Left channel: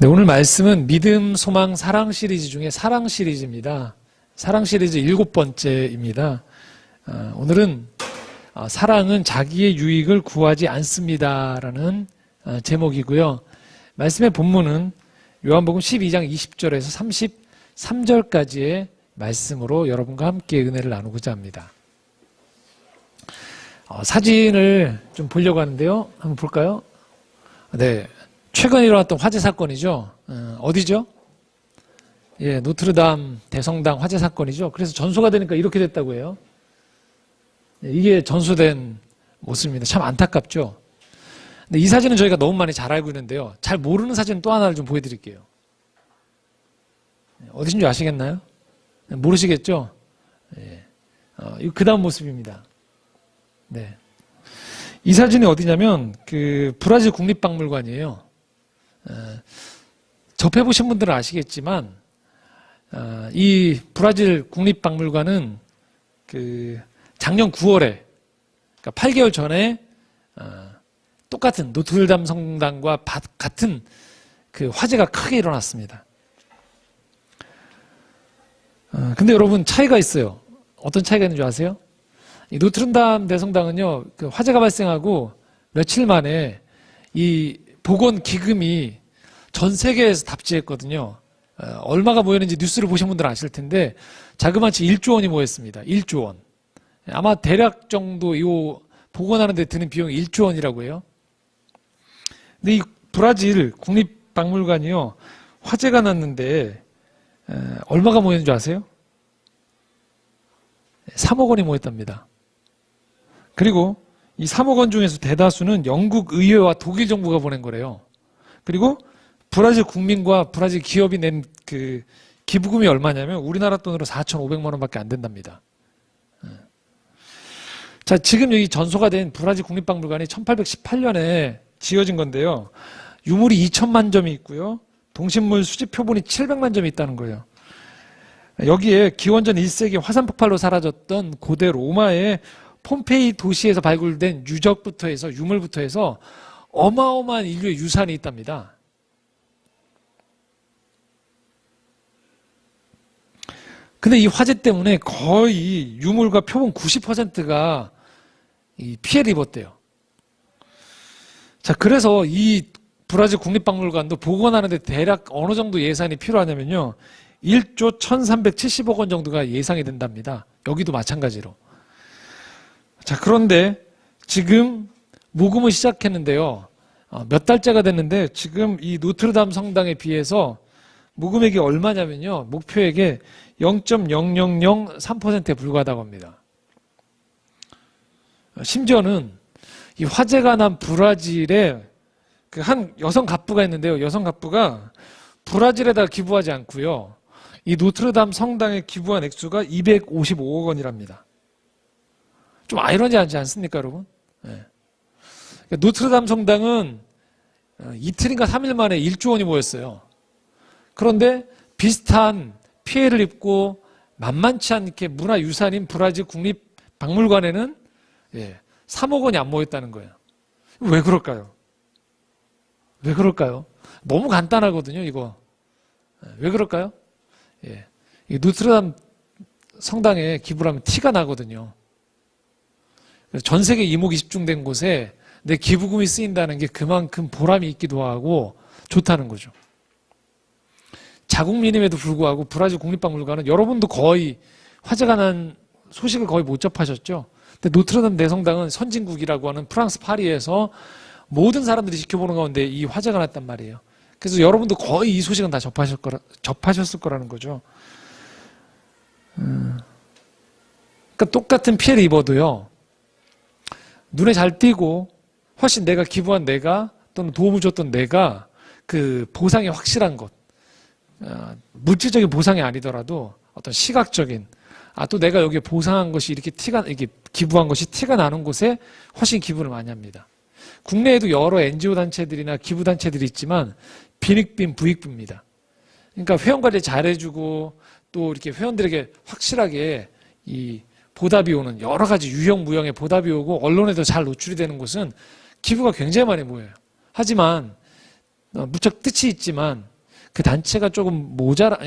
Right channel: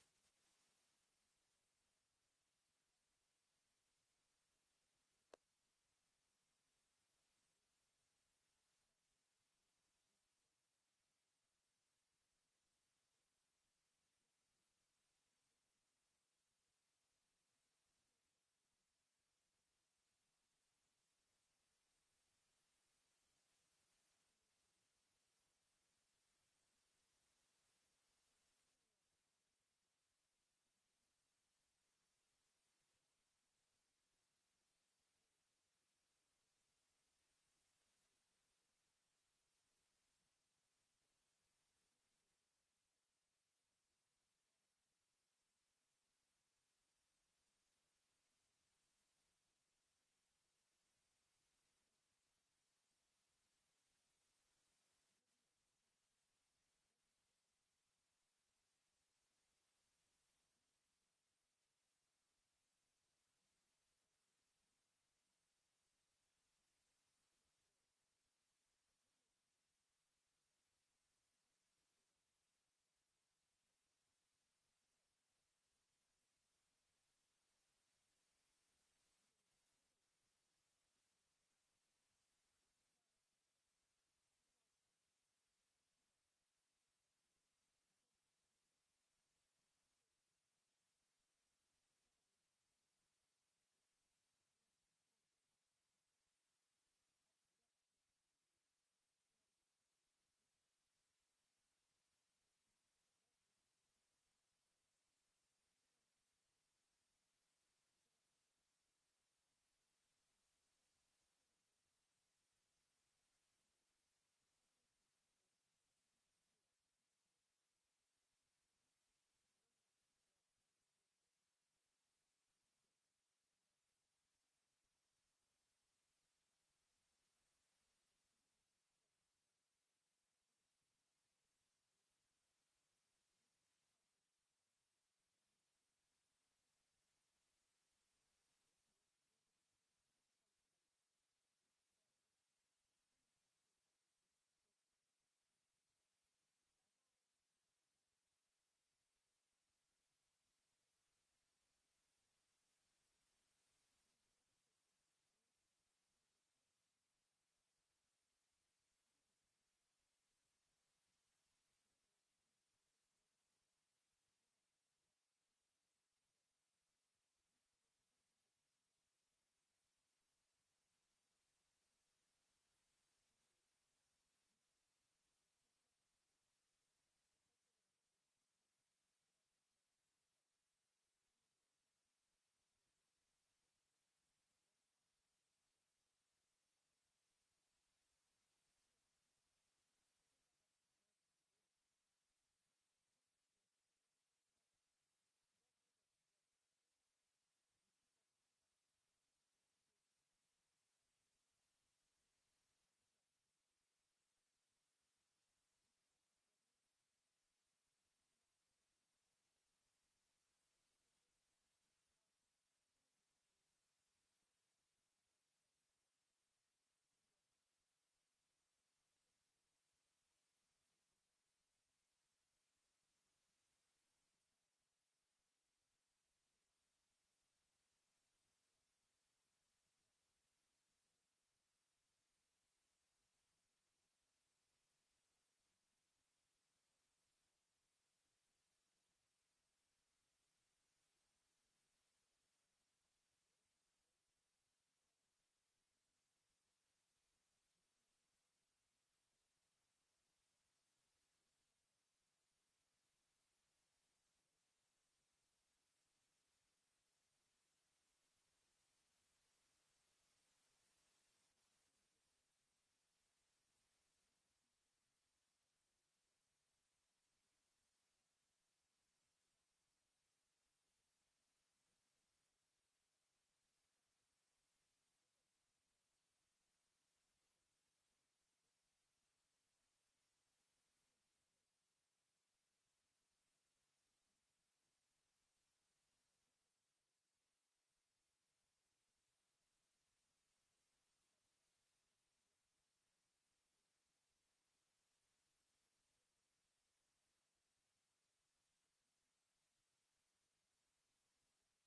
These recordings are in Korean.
네, 오늘 말씀은 믿음, 소망, 사랑 시리즈 중에 사랑 시리즈입니다. 사랑 시리즈 7번째입니다. 오늘은 사랑은 자기의 유익을 구하지 않습니다라는 제목이고요. 말씀의 본문은 요한복음 12장 20절에서 33절까지의 말씀으로 여러분과 함께 은혜를 나누고자 합니다. 사진을 좀 보려고 하는데요. 한번 볼까요? 네. 최근 일어났던 화재 사건이죠. 어디죠? 예, 노트르담 대성당 화재 사건이죠. 그래서 전소가 되니까 이렇게 됐다고 해요. 이게 전소된 모습입니다. 참 안타깝죠. 근데 이 사진은 저희가 너무 많이 잘 알고 있는데요. 잘 모르는 사진 또 하나를 좀 보여드릴게요. 어디신지 아시겠나요? 모르시겠죠? 예. 이거 그 다음 모습입니다. 네. 이 사진이 어디냐면 그 브라질 국립박물관이에요. 접해보신 분들은 아시겠지만 이 브라질 국립박물관은 그 작년 9월에 그러니까 8개월 전에 똑같은 노트르담 성당과 같은 그 화재가 크게 일어났습니다. 근데 여러분 차이가 있어요. 어떤 차이가 있는 줄 아세요? 이 노트르담 대성당은요, 그 화재가 발생하고 며칠 만에 이 보건 기금이 전 세계에서 답지했거든요. 얼마가 모였는지 뉴스를 보신 분들은 아실 텐데 자그마치 1조 원이 모였습니다. 1조 원. 아마 대략 정도 이 복원하는 데 드는 비용이 1조 원이라고 해요. 근데 이 브라질 국립박물관이요, 화재가 났는데 얼마가 모였는 줄 아세요? 3억 원이 모였답니다. 그리고 이 3억 원 중에서 대다수는 영국 의회와 독일 정부가 보낸 거래요. 그리고 브라질 국민과 브라질 기업이 낸 그 기부금이 얼마냐면 우리나라 돈으로 4,500만 원밖에 안 된답니다. 자, 지금 여기 전소가 된 브라질 국립박물관이 1818년에 지어진 건데요. 유물이 2천만 점이 있고요. 동식물 수집 표본이 700만 점이 있다는 거예요. 여기에 기원전 1세기 화산 폭발로 사라졌던 고대 로마의 폼페이 도시에서 발굴된 유적부터 해서 유물부터 해서 어마어마한 인류의 유산이 있답니다. 근데 이 화재 때문에 거의 유물과 표본 90%가 피해를 입었대요. 자, 그래서 이 브라질 국립박물관도 복원하는데 대략 어느 정도 예산이 필요하냐면요, 1조 1370억 원 정도가 예상이 된답니다. 여기도 마찬가지로. 자, 그런데 지금 모금을 시작했는데요. 몇 달째가 됐는데 지금 이 노트르담 성당에 비해서 모금액이 얼마냐면요, 목표액의 0.0003%에 불과하다고 합니다. 심지어는 이 화재가 난 브라질에 그 한 여성 갑부가 있는데요. 여성 갑부가 브라질에다 기부하지 않고요, 이 노트르담 성당에 기부한 액수가 255억 원이랍니다. 좀 아이러니하지 않습니까, 여러분? 네. 노트르담 성당은 이틀인가 3일 만에 1조 원이 모였어요. 그런데 비슷한 피해를 입고 만만치 않게 문화유산인 브라질 국립박물관에는 3억 원이 안 모였다는 거예요. 왜 그럴까요? 왜 그럴까요? 너무 간단하거든요, 이거. 왜 그럴까요? 이 노트르담 성당에 기부를 하면 티가 나거든요. 전 세계 이목이집중된 곳에 내 기부금이 쓰인다는 게 그만큼 보람이 있기도 하고 좋다는 거죠. 자국민임에도 불구하고 브라질 국립박물관은 여러분도 거의 화재가 난 소식을 거의 못 접하셨죠. 근데 노트르담 대성당은 선진국이라고 하는 프랑스 파리에서 모든 사람들이 지켜보는 가운데 이 화재가 났단 말이에요. 그래서 여러분도 거의 이 소식은 다 접하셨을 거라는 거죠. 그러니까 똑같은 피해를 입어도요, 눈에 잘 띄고 훨씬 내가 기부한 내가 또는 도움을 줬던 내가 그 보상이 확실한 것, 물질적인 보상이 아니더라도 어떤 시각적인, 또 내가 여기에 보상한 것이 이렇게 기부한 것이 티가 나는 곳에 훨씬 기부를 많이 합니다. 국내에도 여러 NGO 단체들이나 기부 단체들이 있지만 빈익빈 부익부입니다. 그러니까 회원 관리 잘해주고 또 이렇게 회원들에게 확실하게 이 보답이 오는 여러 가지 유형 무형의 보답이 오고 언론에도 잘 노출이 되는 곳은 기부가 굉장히 많이 모여요. 하지만 무척 뜻이 있지만 그 단체가 조금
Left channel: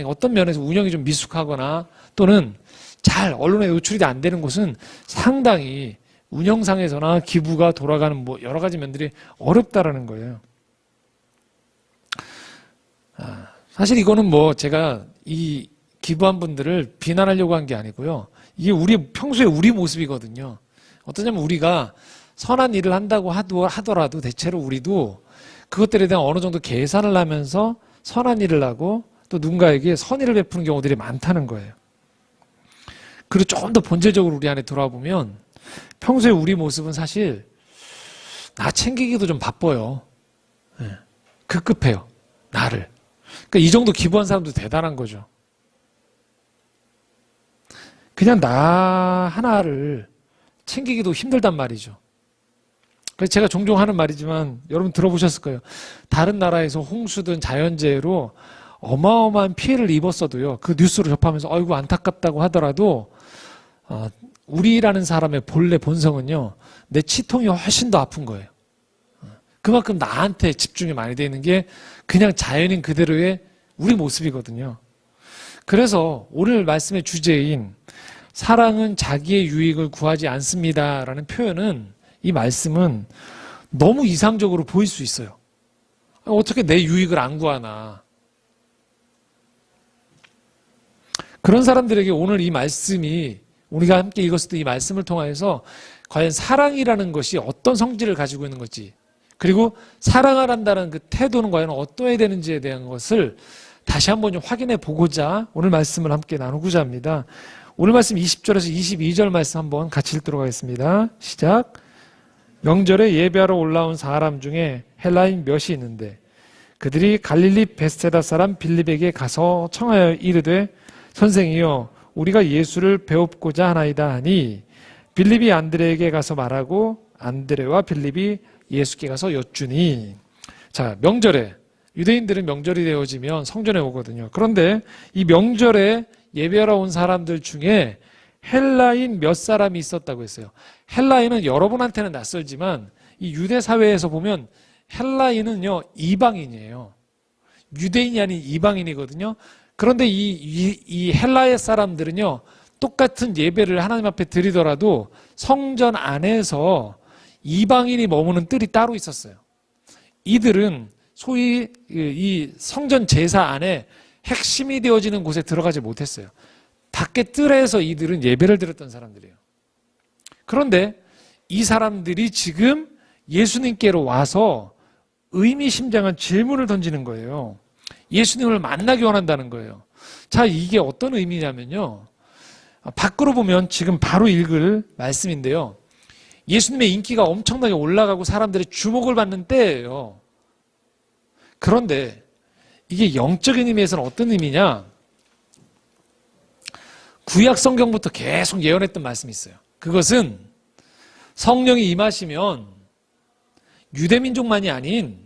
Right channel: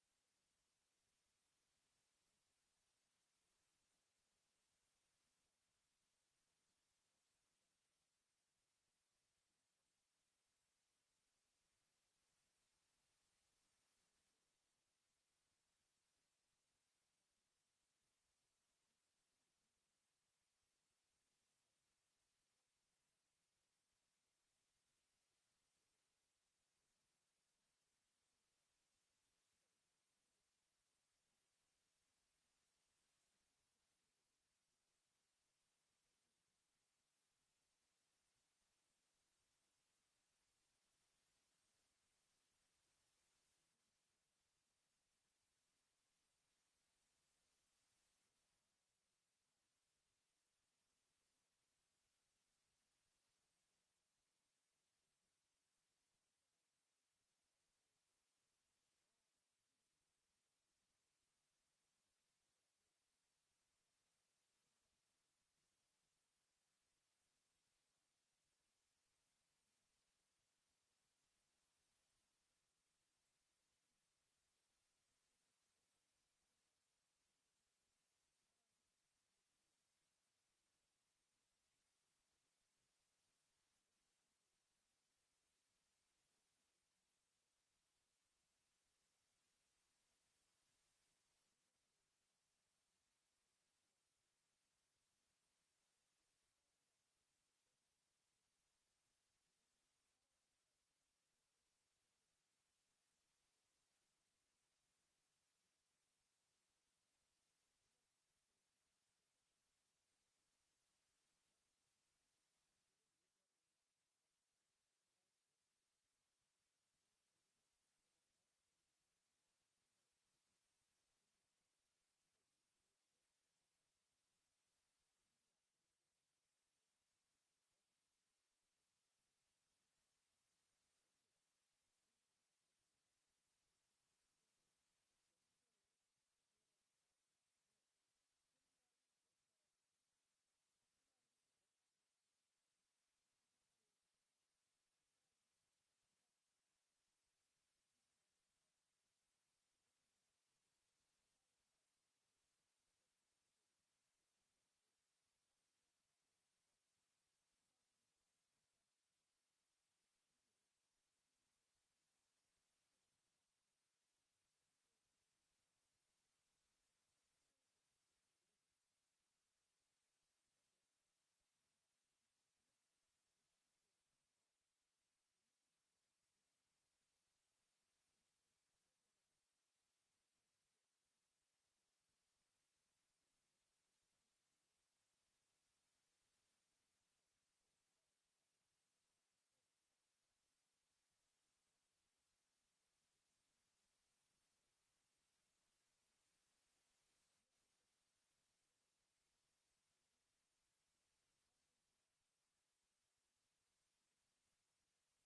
어떤 면에서 운영이 좀 미숙하거나 또는 잘 언론에 노출이 안 되는 곳은 상당히 운영상에서나 기부가 돌아가는 뭐 여러 가지 면들이 어렵다라는 거예요. 사실 이거는 뭐 제가 이 기부한 분들을 비난하려고 한 게 아니고요. 이게 평소에 우리 모습이거든요. 어떠냐면 우리가 선한 일을 한다고 하더라도 대체로 우리도 그것들에 대한 어느 정도 계산을 하면서 선한 일을 하고 또 누군가에게 선의를 베푸는 경우들이 많다는 거예요. 그리고 조금 더 본질적으로 우리 안에 돌아와 보면 평소에 우리 모습은 사실 나 챙기기도 좀 바빠요. 급급해요. 나를. 그러니까 이 정도 기부한 사람도 대단한 거죠. 그냥 나 하나를 챙기기도 힘들단 말이죠. 그래서 제가 종종 하는 말이지만 여러분 들어보셨을 거예요. 다른 나라에서 홍수든 자연재해로 어마어마한 피해를 입었어도요. 그 뉴스를 접하면서 아이고 안타깝다고 하더라도 우리라는 사람의 본래 본성은요. 내 치통이 훨씬 더 아픈 거예요. 그만큼 나한테 집중이 많이 되어 있는 게 그냥 자연인 그대로의 우리 모습이거든요. 그래서 오늘 말씀의 주제인 사랑은 자기의 유익을 구하지 않습니다라는 표현은 이 말씀은 너무 이상적으로 보일 수 있어요. 어떻게 내 유익을 안 구하나. 그런 사람들에게 오늘 이 말씀이 우리가 함께 읽었을 때 이 말씀을 통해서 과연 사랑이라는 것이 어떤 성질을 가지고 있는 건지 그리고 사랑하란다는 그 태도는 과연 어떠해야 되는지에 대한 것을 다시 한번 좀 확인해 보고자 오늘 말씀을 함께 나누고자 합니다. 오늘 말씀 20절에서 22절 말씀 한번 같이 읽도록 하겠습니다. 시작. 명절에 예배하러 올라온 사람 중에 헬라인 몇이 있는데 그들이 갈릴리 베스테다 사람 빌립에게 가서 청하여 이르되 선생이여 우리가 예수를 배웁고자 하나이다 하니 빌립이 안드레에게 가서 말하고 안드레와 빌립이 예수께 가서 여쭈니. 자, 명절에 유대인들은 명절이 되어지면 성전에 오거든요. 그런데 이 명절에 예배하러 온 사람들 중에 헬라인 몇 사람이 있었다고 했어요. 헬라인은 여러분한테는 낯설지만 이 유대 사회에서 보면 헬라인은요 이방인이에요. 유대인이 아닌 이방인이거든요. 그런데 이 헬라의 사람들은요 똑같은 예배를 하나님 앞에 드리더라도 성전 안에서 이방인이 머무는 뜰이 따로 있었어요. 이들은 소위 이 성전 제사 안에 핵심이 되어지는 곳에 들어가지 못했어요. 밖에 뜰에서 이들은 예배를 드렸던 사람들이에요. 그런데 이 사람들이 지금 예수님께로 와서 의미심장한 질문을 던지는 거예요. 예수님을 만나기 원한다는 거예요. 자, 이게 어떤 의미냐면요. 밖으로 보면 지금 바로 읽을 말씀인데요. 예수님의 인기가 엄청나게 올라가고 사람들의 주목을 받는 때예요. 그런데 이게 영적인 의미에서는 어떤 의미냐? 구약 성경부터 계속 예언했던 말씀이 있어요. 그것은 성령이 임하시면 유대민족만이 아닌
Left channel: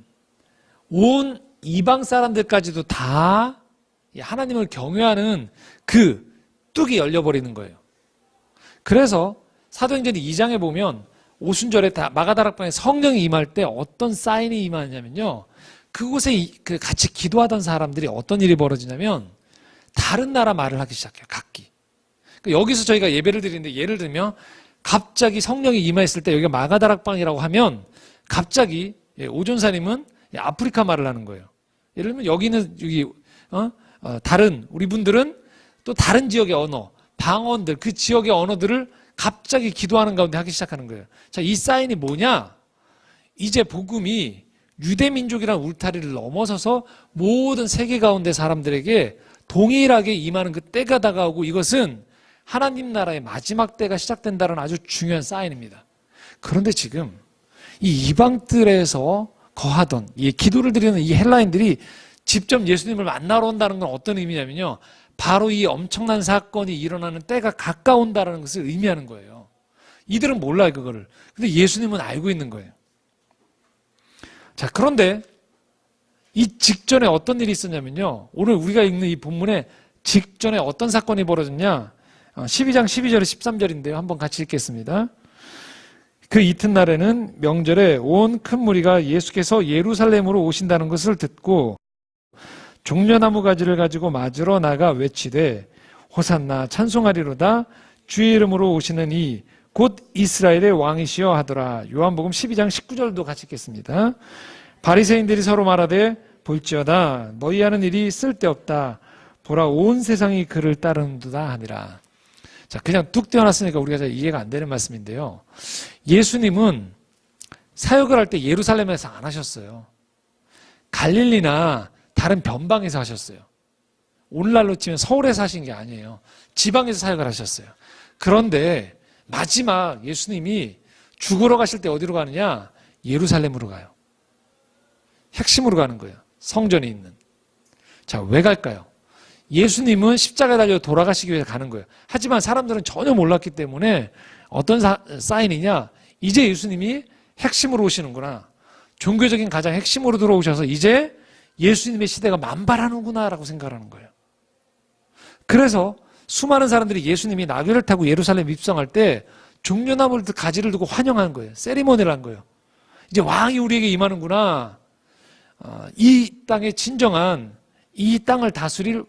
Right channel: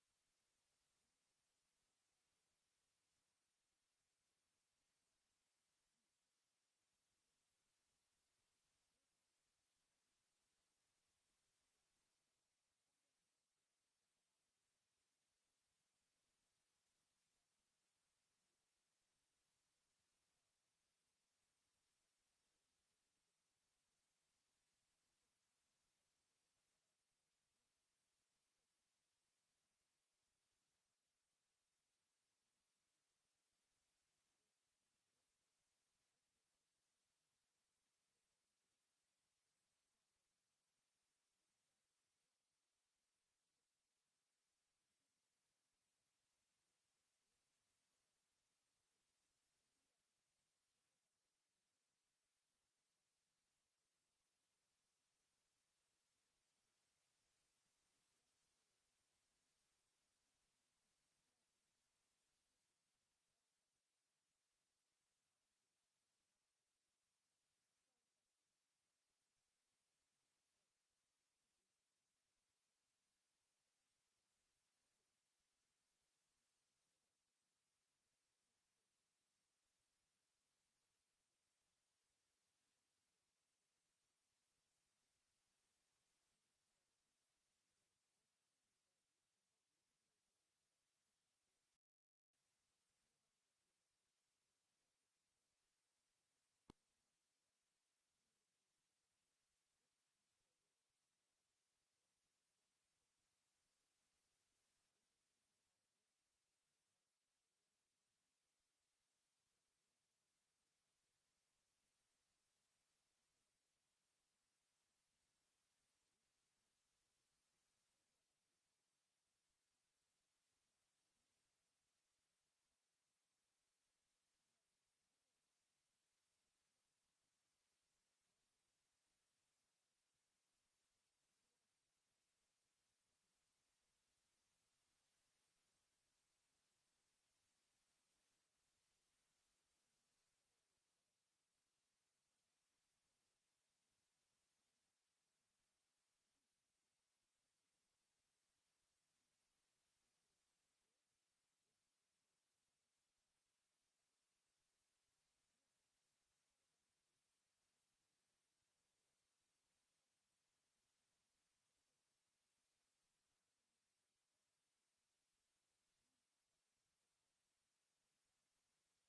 온 이방 사람들까지도 다 하나님을 경외하는 그 뚝이 열려버리는 거예요. 그래서 사도행전 2장에 보면 오순절에 마가다락방에 성령이 임할 때 어떤 사인이 임하냐면요. 그곳에 같이 기도하던 사람들이 어떤 일이 벌어지냐면 다른 나라 말을 하기 시작해요. 각기. 그러니까 여기서 저희가 예배를 드리는데 예를 들면 갑자기 성령이 임했을 때 여기가 마가다락방이라고 하면 갑자기 오존사님은 아프리카 말을 하는 거예요. 예를 들면 여기는 다른 우리 분들은 또 다른 지역의 언어, 방언들 그 지역의 언어들을 갑자기 기도하는 가운데 하기 시작하는 거예요. 자, 이 사인이 뭐냐? 이제 복음이 유대민족이라는 울타리를 넘어서서 모든 세계 가운데 사람들에게 동일하게 임하는 그 때가 다가오고 이것은 하나님 나라의 마지막 때가 시작된다는 아주 중요한 사인입니다. 그런데 지금 이 이방들에서 거하던 이 기도를 드리는 이 헬라인들이 직접 예수님을 만나러 온다는 건 어떤 의미냐면요. 바로 이 엄청난 사건이 일어나는 때가 가까운다는 것을 의미하는 거예요. 이들은 몰라요, 그거를. 근데 예수님은 알고 있는 거예요. 자, 그런데 이 직전에 어떤 일이 있었냐면요. 오늘 우리가 읽는 이 본문에 직전에 어떤 사건이 벌어졌냐. 12장 12절에 13절인데요. 한번 같이 읽겠습니다. 그 이튿날에는 명절에 온 큰 무리가 예수께서 예루살렘으로 오신다는 것을 듣고 종려나무 가지를 가지고 맞으러 나가 외치되 호산나 찬송하리로다 주의 이름으로 오시는 이 곧 이스라엘의 왕이시여 하더라. 요한복음 12장 19절도 같이 읽겠습니다. 바리새인들이 서로 말하되 볼지어다 너희 하는 일이 쓸데없다. 보라 온 세상이 그를 따르는도다 하니라. 자, 그냥 뚝 떼어놨으니까 우리가 잘 이해가 안 되는 말씀인데요. 예수님은 사역을 할 때 예루살렘에서 안 하셨어요. 갈릴리나 다른 변방에서 하셨어요. 오늘날로 치면 서울에서 하신 게 아니에요. 지방에서 사역을 하셨어요. 그런데 마지막 예수님이 죽으러 가실 때 어디로 가느냐? 예루살렘으로 가요. 핵심으로 가는 거예요. 성전이 있는. 자, 왜 갈까요? 예수님은 십자가에 달려 돌아가시기 위해서 가는 거예요. 하지만 사람들은 전혀 몰랐기 때문에 어떤 사인이냐? 이제 예수님이 핵심으로 오시는구나. 종교적인 가장 핵심으로 들어오셔서 이제 예수님의 시대가 만발하는구나 라고 생각하는 거예요. 그래서 수많은 사람들이 예수님이 나귀를 타고 예루살렘 입성할 때 종려나무 가지를 두고 환영한 거예요. 세리머니를 한 거예요. 이제 왕이 우리에게 임하는구나. 이 땅의 진정한 이 땅을 다스릴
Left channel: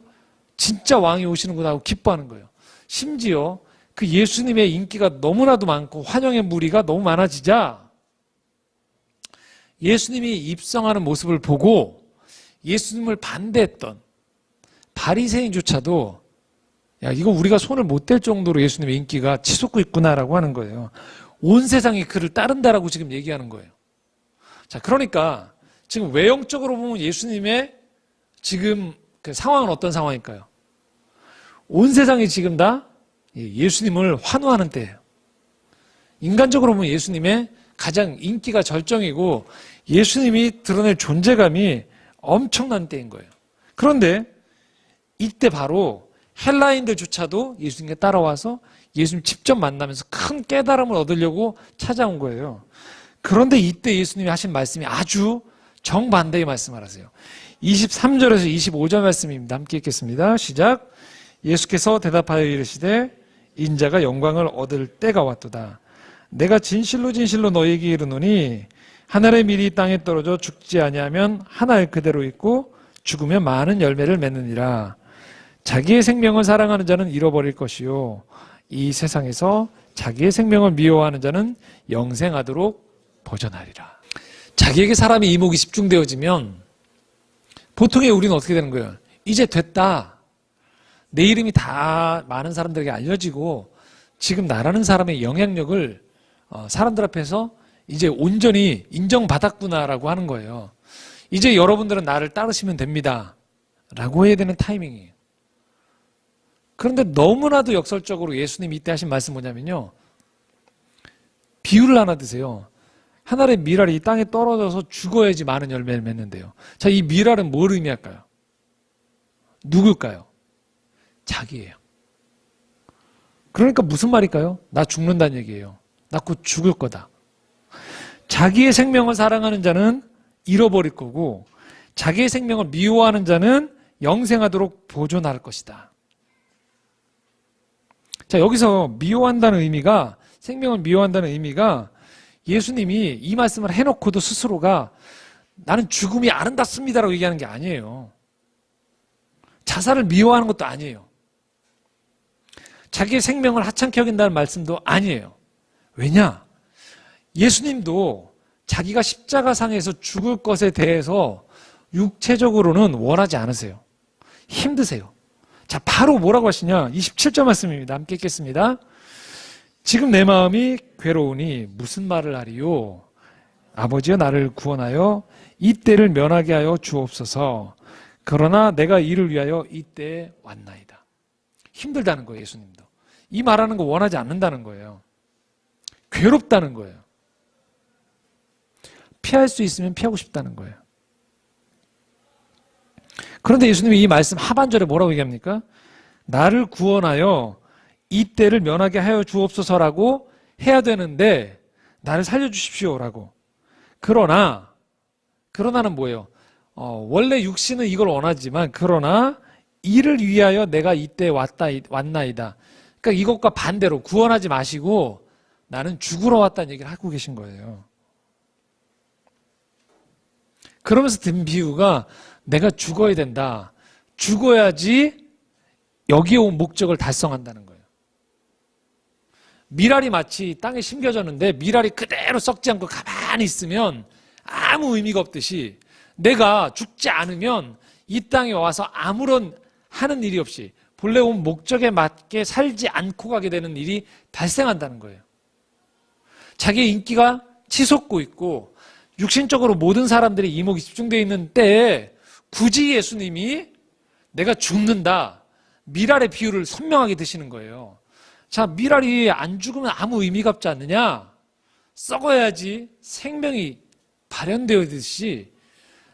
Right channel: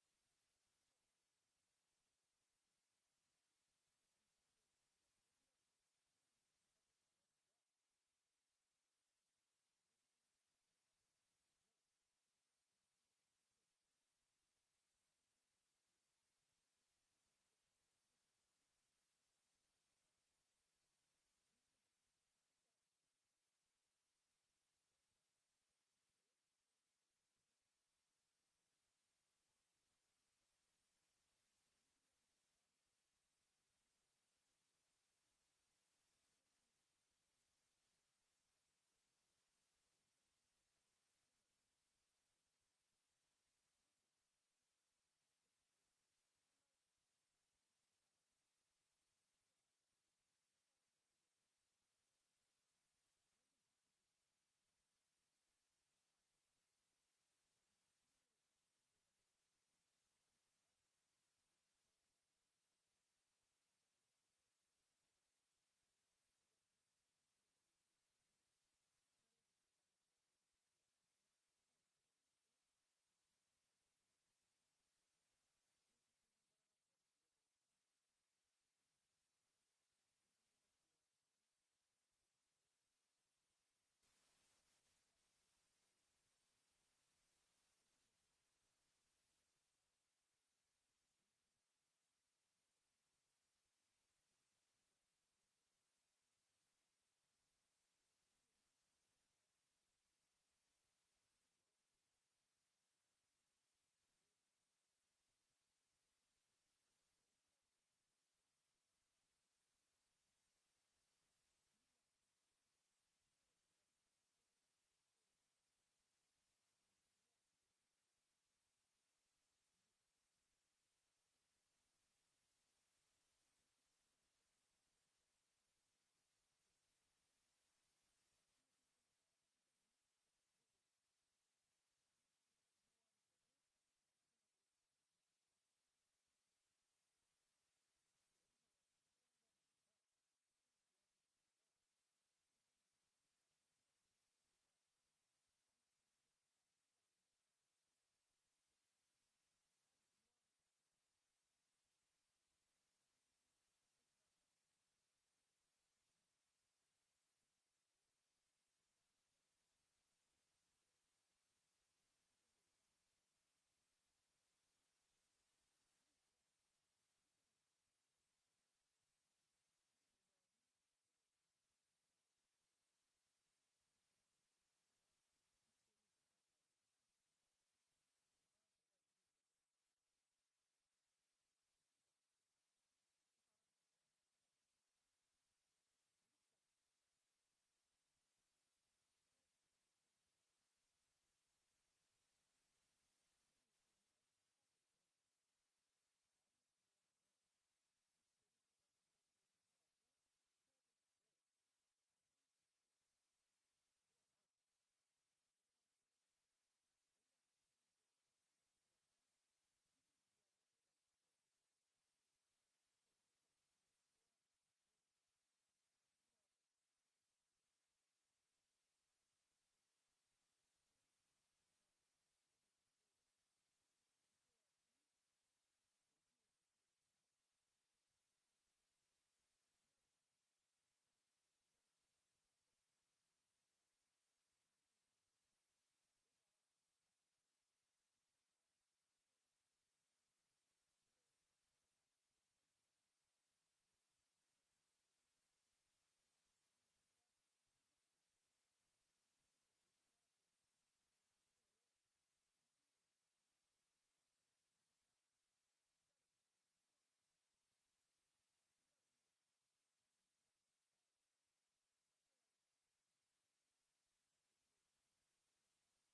진짜 왕이 오시는구나 하고 기뻐하는 거예요. 심지어 그 예수님의 인기가 너무나도 많고 환영의 무리가 너무 많아지자 예수님이 입성하는 모습을 보고 예수님을 반대했던 바리새인조차도 야, 이거 우리가 손을 못 댈 정도로 예수님의 인기가 치솟고 있구나라고 하는 거예요. 온 세상이 그를 따른다라고 지금 얘기하는 거예요. 자, 그러니까 지금 외형적으로 보면 예수님의 지금 그 상황은 어떤 상황일까요? 온 세상이 지금 다 예수님을 환호하는 때예요. 인간적으로 보면 예수님의 가장 인기가 절정이고 예수님이 드러낼 존재감이 엄청난 때인 거예요. 그런데 이때 바로 헬라인들조차도 예수님께 따라와서 예수님 직접 만나면서 큰 깨달음을 얻으려고 찾아온 거예요. 그런데 이때 예수님이 하신 말씀이 아주 정반대의 말씀을 하세요. 23절에서 25절 말씀입니다. 함께 읽겠습니다. 시작. 예수께서 대답하여 이르시되 인자가 영광을 얻을 때가 왔도다. 내가 진실로 진실로 너희에게 이르노니 하늘의 밀이 땅에 떨어져 죽지 아니하면 하나의 그대로 있고 죽으면 많은 열매를 맺느니라. 자기의 생명을 사랑하는 자는 잃어버릴 것이요 이 세상에서 자기의 생명을 미워하는 자는 영생하도록 보존하리라. 자기에게 사람의 이목이 집중되어지면 보통의 우리는 어떻게 되는 거예요? 이제 됐다. 내 이름이 다 많은 사람들에게 알려지고 지금 나라는 사람의 영향력을 사람들 앞에서 이제 온전히 인정받았구나라고 하는 거예요. 이제 여러분들은 나를 따르시면 됩니다. 라고 해야 되는 타이밍이에요. 그런데 너무나도 역설적으로 예수님이 이때 하신 말씀 뭐냐면요. 비유를 하나 드세요. 하늘의 밀알이 이 땅에 떨어져서 죽어야지 많은 열매를 맺는데요. 자, 이 밀알은 뭘 의미할까요? 누굴까요? 자기예요. 그러니까 무슨 말일까요? 나 죽는다는 얘기예요. 나 곧 죽을 거다. 자기의 생명을 사랑하는 자는 잃어버릴 거고 자기의 생명을 미워하는 자는 영생하도록 보존할 것이다. 자, 여기서 미워한다는 의미가 생명을 미워한다는 의미가 예수님이 이 말씀을 해놓고도 스스로가 나는 죽음이 아름답습니다라고 얘기하는 게 아니에요. 자살을 미워하는 것도 아니에요. 자기의 생명을 하찮게 여긴다는 말씀도 아니에요. 왜냐? 예수님도 자기가 십자가상에서 죽을 것에 대해서 육체적으로는 원하지 않으세요. 힘드세요. 자, 바로 뭐라고 하시냐? 27절 말씀입니다. 함께 읽겠습니다. 지금 내 마음이 괴로우니 무슨 말을 하리요? 아버지여 나를 구원하여 이 때를 면하게 하여 주옵소서. 그러나 내가 이를 위하여 이 때에 왔나이다. 힘들다는 거예요, 예수님도. 이 말하는 거 원하지 않는다는 거예요. 괴롭다는 거예요. 피할 수 있으면 피하고 싶다는 거예요. 그런데 예수님이 이 말씀 하반절에 뭐라고 얘기합니까? 나를 구원하여 이 때를 면하게 하여 주옵소서라고 해야 되는데 나를 살려주십시오라고. 그러나는 뭐예요? 원래 육신은 이걸 원하지만 그러나 이를 위하여 내가 이때 왔나이다. 그러니까 이것과 반대로 구원하지 마시고 나는 죽으러 왔다는 얘기를 하고 계신 거예요. 그러면서 든 비유가 내가 죽어야 된다. 죽어야지 여기에 온 목적을 달성한다는 거예요. 미랄이 마치 땅에 심겨졌는데 미랄이 그대로 썩지 않고 가만히 있으면 아무 의미가 없듯이 내가 죽지 않으면 이 땅에 와서 아무런 하는 일이 없이 본래 온 목적에 맞게 살지 않고 가게 되는 일이 발생한다는 거예요. 자기의 인기가 치솟고 있고 육신적으로 모든 사람들의 이목이 집중되어 있는 때에 굳이 예수님이 내가 죽는다, 미랄의 비유를 선명하게 드시는 거예요. 자, 미랄이 안 죽으면 아무 의미가 없지 않느냐? 썩어야지 생명이 발현되었듯이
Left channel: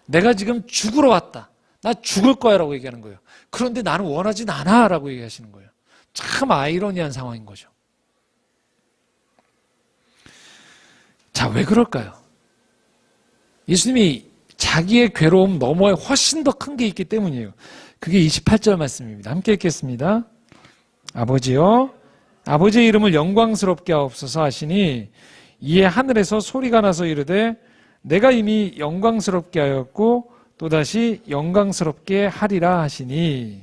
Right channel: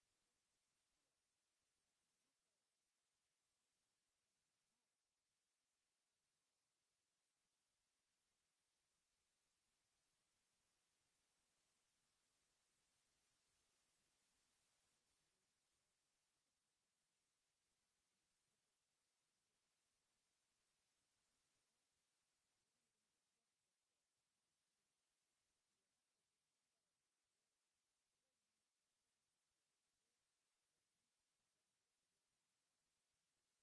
내가 지금 죽으러 왔다. 나 죽을 거야 라고 얘기하는 거예요. 그런데 나는 원하진 않아 라고 얘기하시는 거예요. 참 아이러니한 상황인 거죠. 자, 왜 그럴까요? 예수님이 자기의 괴로움 너머에 훨씬 더 큰 게 있기 때문이에요. 그게 28절 말씀입니다. 함께 읽겠습니다. 아버지여, 아버지의 이름을 영광스럽게 하옵소서 하시니 이에 하늘에서 소리가 나서 이르되 내가 이미 영광스럽게 하였고 또다시 영광스럽게 하리라 하시니.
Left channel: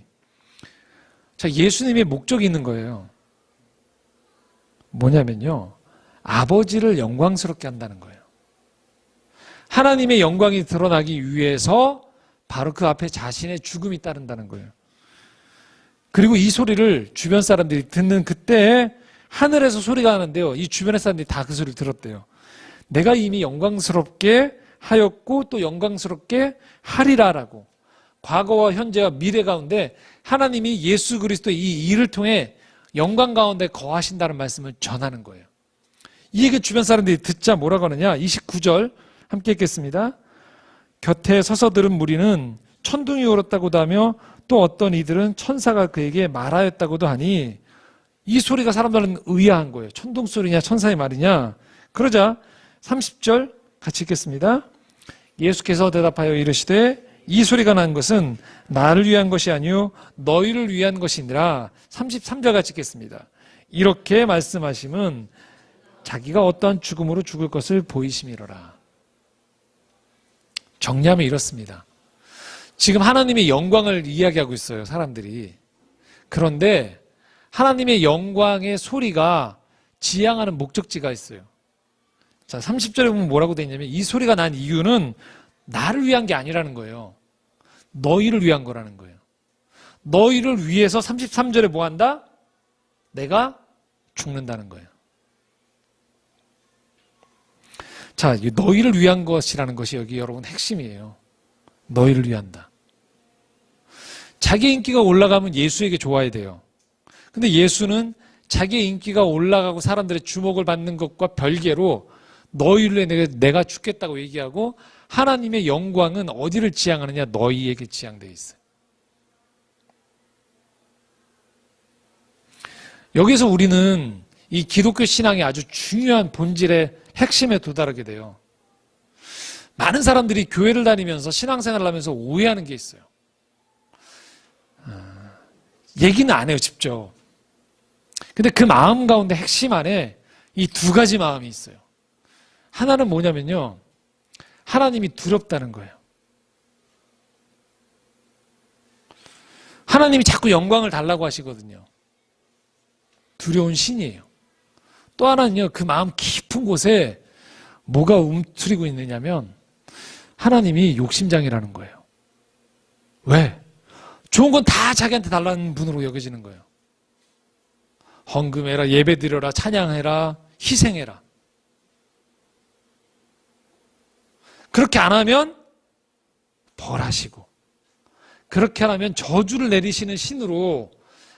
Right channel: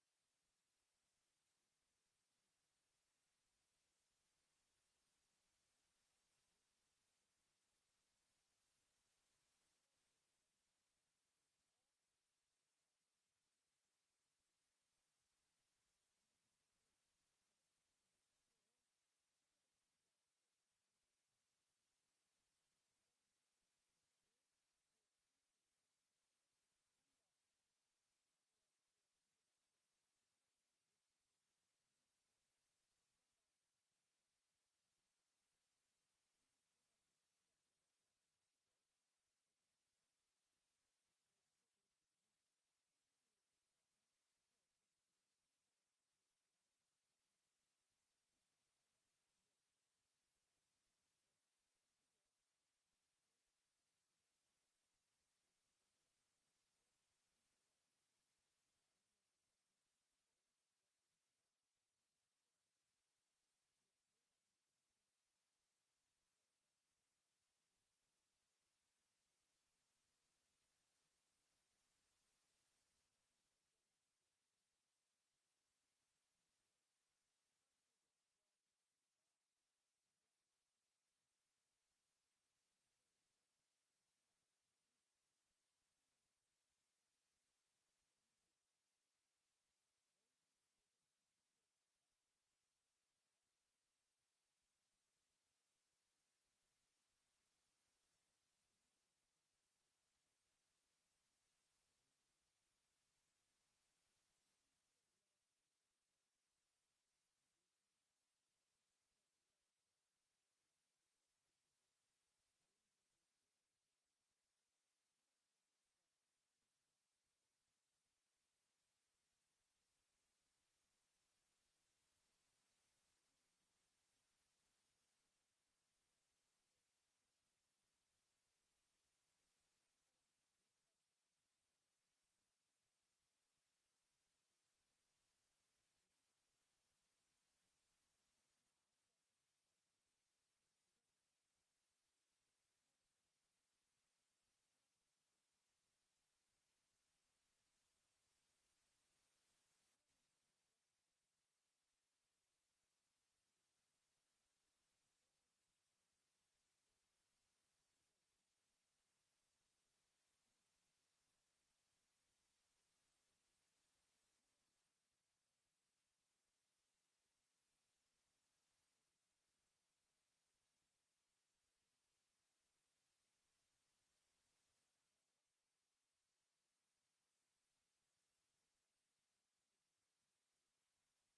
자, 예수님의 목적이 있는 거예요. 뭐냐면요, 아버지를 영광스럽게 한다는 거예요. 하나님의 영광이 드러나기 위해서 바로 그 앞에 자신의 죽음이 따른다는 거예요. 그리고 이 소리를 주변 사람들이 듣는 그때에 하늘에서 소리가 나는데요, 이 주변의 사람들이 다 그 소리를 들었대요. 내가 이미 영광스럽게 하였고 또 영광스럽게 하리라라고. 과거와 현재와 미래 가운데 하나님이 예수 그리스도의 이 일을 통해 영광 가운데 거하신다는 말씀을 전하는 거예요. 이 얘기 주변 사람들이 듣자 뭐라고 하느냐? 29절 함께 읽겠습니다. 곁에 서서 들은 무리는 천둥이 울었다고도 하며 또 어떤 이들은 천사가 그에게 말하였다고도 하니, 이 소리가 사람들은 의아한 거예요. 천둥 소리냐 천사의 말이냐. 그러자 30절 같이 읽겠습니다. 예수께서 대답하여 이르시되 이 소리가 난 것은 나를 위한 것이 아니요 너희를 위한 것이니라. 33절 같이 읽겠습니다. 이렇게 말씀하심은 자기가 어떠한 죽음으로 죽을 것을 보이심이로라. 정리하면 이렇습니다. 지금 하나님의 영광을 이야기하고 있어요, 사람들이. 그런데 하나님의 영광의 소리가 지향하는 목적지가 있어요. 자, 30절에 보면 뭐라고 되어 있냐면 이 소리가 난 이유는 나를 위한 게 아니라는 거예요. 너희를 위한 거라는 거예요. 너희를 위해서 33절에 뭐 한다? 내가 죽는다는 거예요. 자, 너희를 위한 것이라는 것이 여기 여러분 핵심이에요. 너희를 위한다. 자기 인기가 올라가면 예수에게 좋아야 돼요. 근데 예수는 자기의 인기가 올라가고 사람들의 주목을 받는 것과 별개로 너희를 위해 내가 죽겠다고 얘기하고, 하나님의 영광은 어디를 지향하느냐? 너희에게 지향되어 있어요. 여기서 우리는 이 기독교 신앙의 아주 중요한 본질의 핵심에 도달하게 돼요. 많은 사람들이 교회를 다니면서 신앙생활을 하면서 오해하는 게 있어요. 얘기는 안 해요, 직접. 근데 그 마음 가운데 핵심 안에 이 두 가지 마음이 있어요. 하나는 뭐냐면요, 하나님이 두렵다는 거예요. 하나님이 자꾸 영광을 달라고 하시거든요. 두려운 신이에요. 또 하나는요, 그 마음 깊은 곳에 뭐가 움츠리고 있느냐면 하나님이 욕심장이라는 거예요. 왜? 좋은 건 다 자기한테 달라는 분으로 여겨지는 거예요. 헌금해라, 예배드려라, 찬양해라, 희생해라. 그렇게 안 하면 벌하시고, 그렇게 안 하면 저주를 내리시는 신으로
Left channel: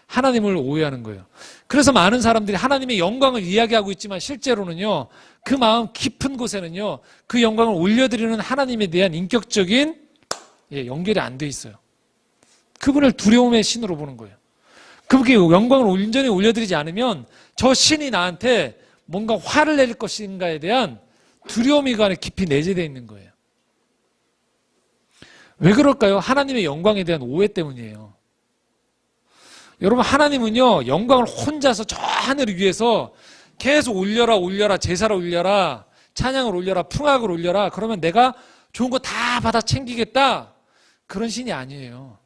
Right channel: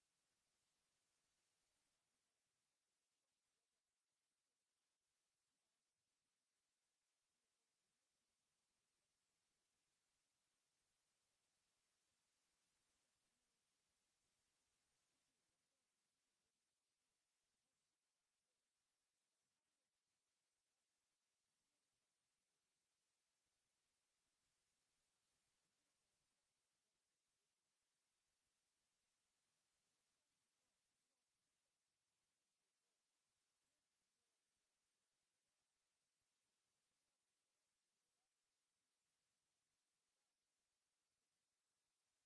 하나님을 오해하는 거예요. 그래서 많은 사람들이 하나님의 영광을 이야기하고 있지만 실제로는요, 그 마음 깊은 곳에는요, 그 영광을 올려드리는 하나님에 대한 인격적인 연결이 안 돼 있어요. 그분을 두려움의 신으로 보는 거예요. 그분께 영광을 온전히 올려드리지 않으면 저 신이 나한테 뭔가 화를 내릴 것인가에 대한 두려움이 그 안에 깊이 내재되어 있는 거예요. 왜 그럴까요? 하나님의 영광에 대한 오해 때문이에요. 여러분, 하나님은요, 영광을 혼자서 저 하늘 위에서 계속 올려라 올려라, 제사를 올려라, 찬양을 올려라, 풍악을 올려라, 그러면 내가 좋은 거 다 받아 챙기겠다, 그런 신이 아니에요.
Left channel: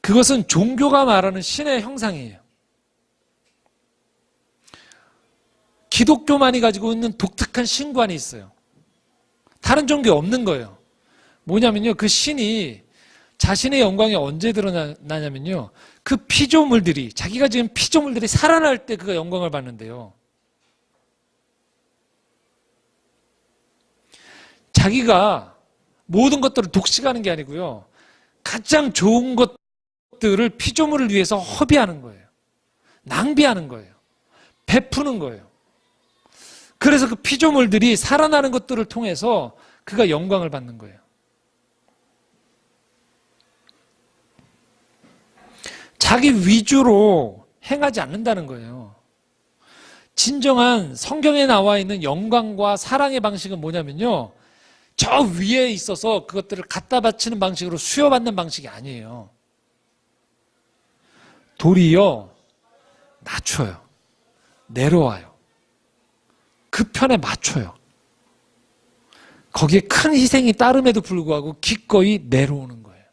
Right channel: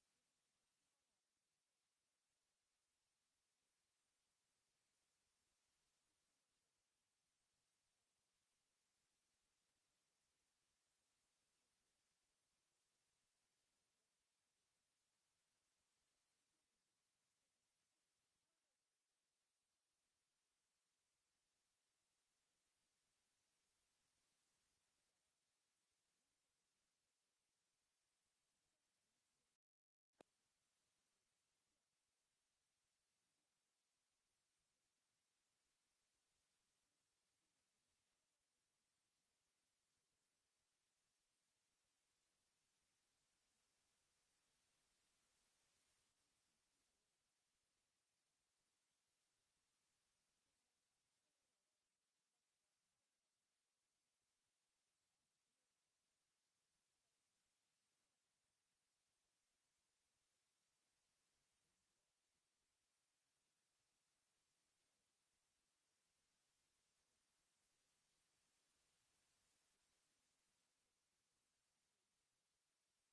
그것은 종교가 말하는 신의 형상이에요. 기독교만이 가지고 있는 독특한 신관이 있어요. 다른 종교에 없는 거예요. 뭐냐면요, 그 신이 자신의 영광이 언제 드러나냐면요, 그 피조물들이, 자기가 지은 피조물들이 살아날 때 그가 영광을 받는데요. 자기가 모든 것들을 독식하는 게 아니고요, 가장 좋은 것들을 피조물을 위해서 허비하는 거예요. 낭비하는 거예요. 베푸는 거예요. 그래서 그 피조물들이 살아나는 것들을 통해서 그가 영광을 받는 거예요. 자기 위주로 행하지 않는다는 거예요. 진정한 성경에 나와 있는 영광과 사랑의 방식은 뭐냐면요, 저 위에 있어서 그것들을 갖다 바치는 방식으로 수여받는 방식이 아니에요. 도리어 낮춰요. 내려와요. 그 편에 맞춰요. 거기에 큰 희생이 따름에도 불구하고 기꺼이 내려오는 거예요.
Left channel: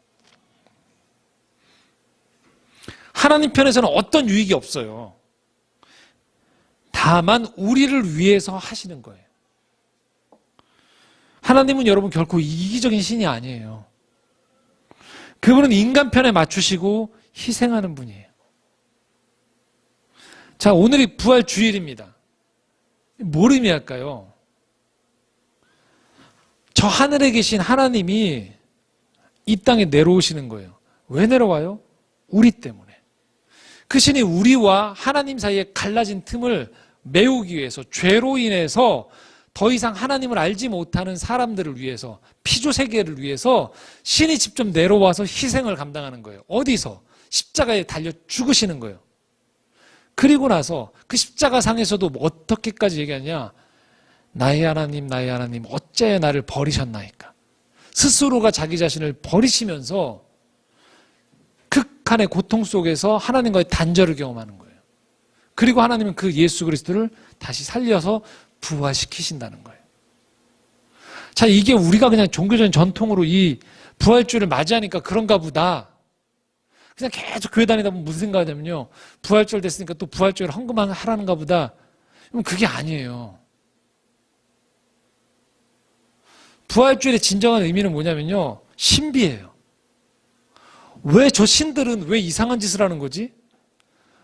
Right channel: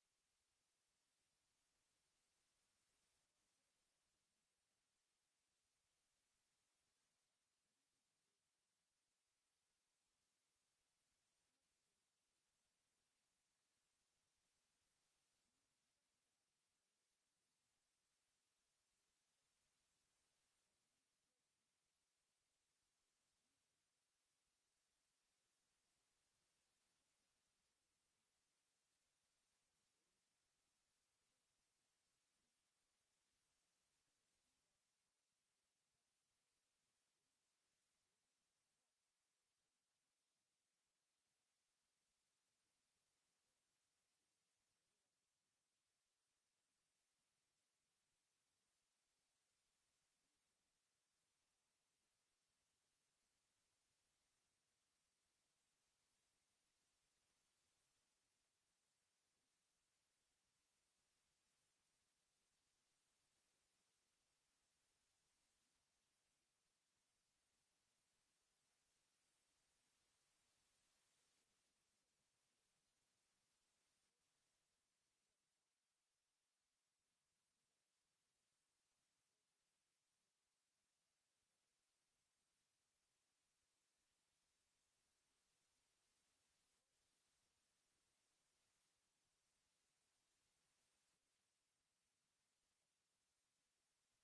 하나님 편에서는 어떤 유익이 없어요. 다만 우리를 위해서 하시는 거예요. 하나님은 여러분 결코 이기적인 신이 아니에요. 그분은 인간 편에 맞추시고 희생하는 분이에요. 자, 오늘이 부활 주일입니다. 뭘 의미할까요? 저 하늘에 계신 하나님이 이 땅에 내려오시는 거예요. 왜 내려와요? 우리 때문에. 그 신이 우리와 하나님 사이에 갈라진 틈을 메우기 위해서, 죄로 인해서 더 이상 하나님을 알지 못하는 사람들을 위해서, 피조 세계를 위해서 신이 직접 내려와서 희생을 감당하는 거예요. 어디서? 십자가에 달려 죽으시는 거예요. 그리고 나서 그 십자가 상에서도 어떻게까지 얘기하냐? 나의 하나님 어째 나를 버리셨나이까? 스스로가 자기 자신을 버리시면서 극한의 고통 속에서 하나님과의 단절을 경험하는 거예요. 그리고 하나님은 그 예수 그리스도를 다시 살려서 부활시키신다는 거예요. 자, 이게 우리가 그냥 종교적인 전통으로 이 부활주를 맞이하니까 그런가 보다. 그냥 계속 교회 다니다 보면 무슨 생각하냐면요, 부활절 됐으니까 또 부활절을 헌금하라는가 보다. 그럼 그게 아니에요. 부활주일의 진정한 의미는 뭐냐면요, 신비예요. 왜 저 신들은 왜 이상한 짓을 하는 거지?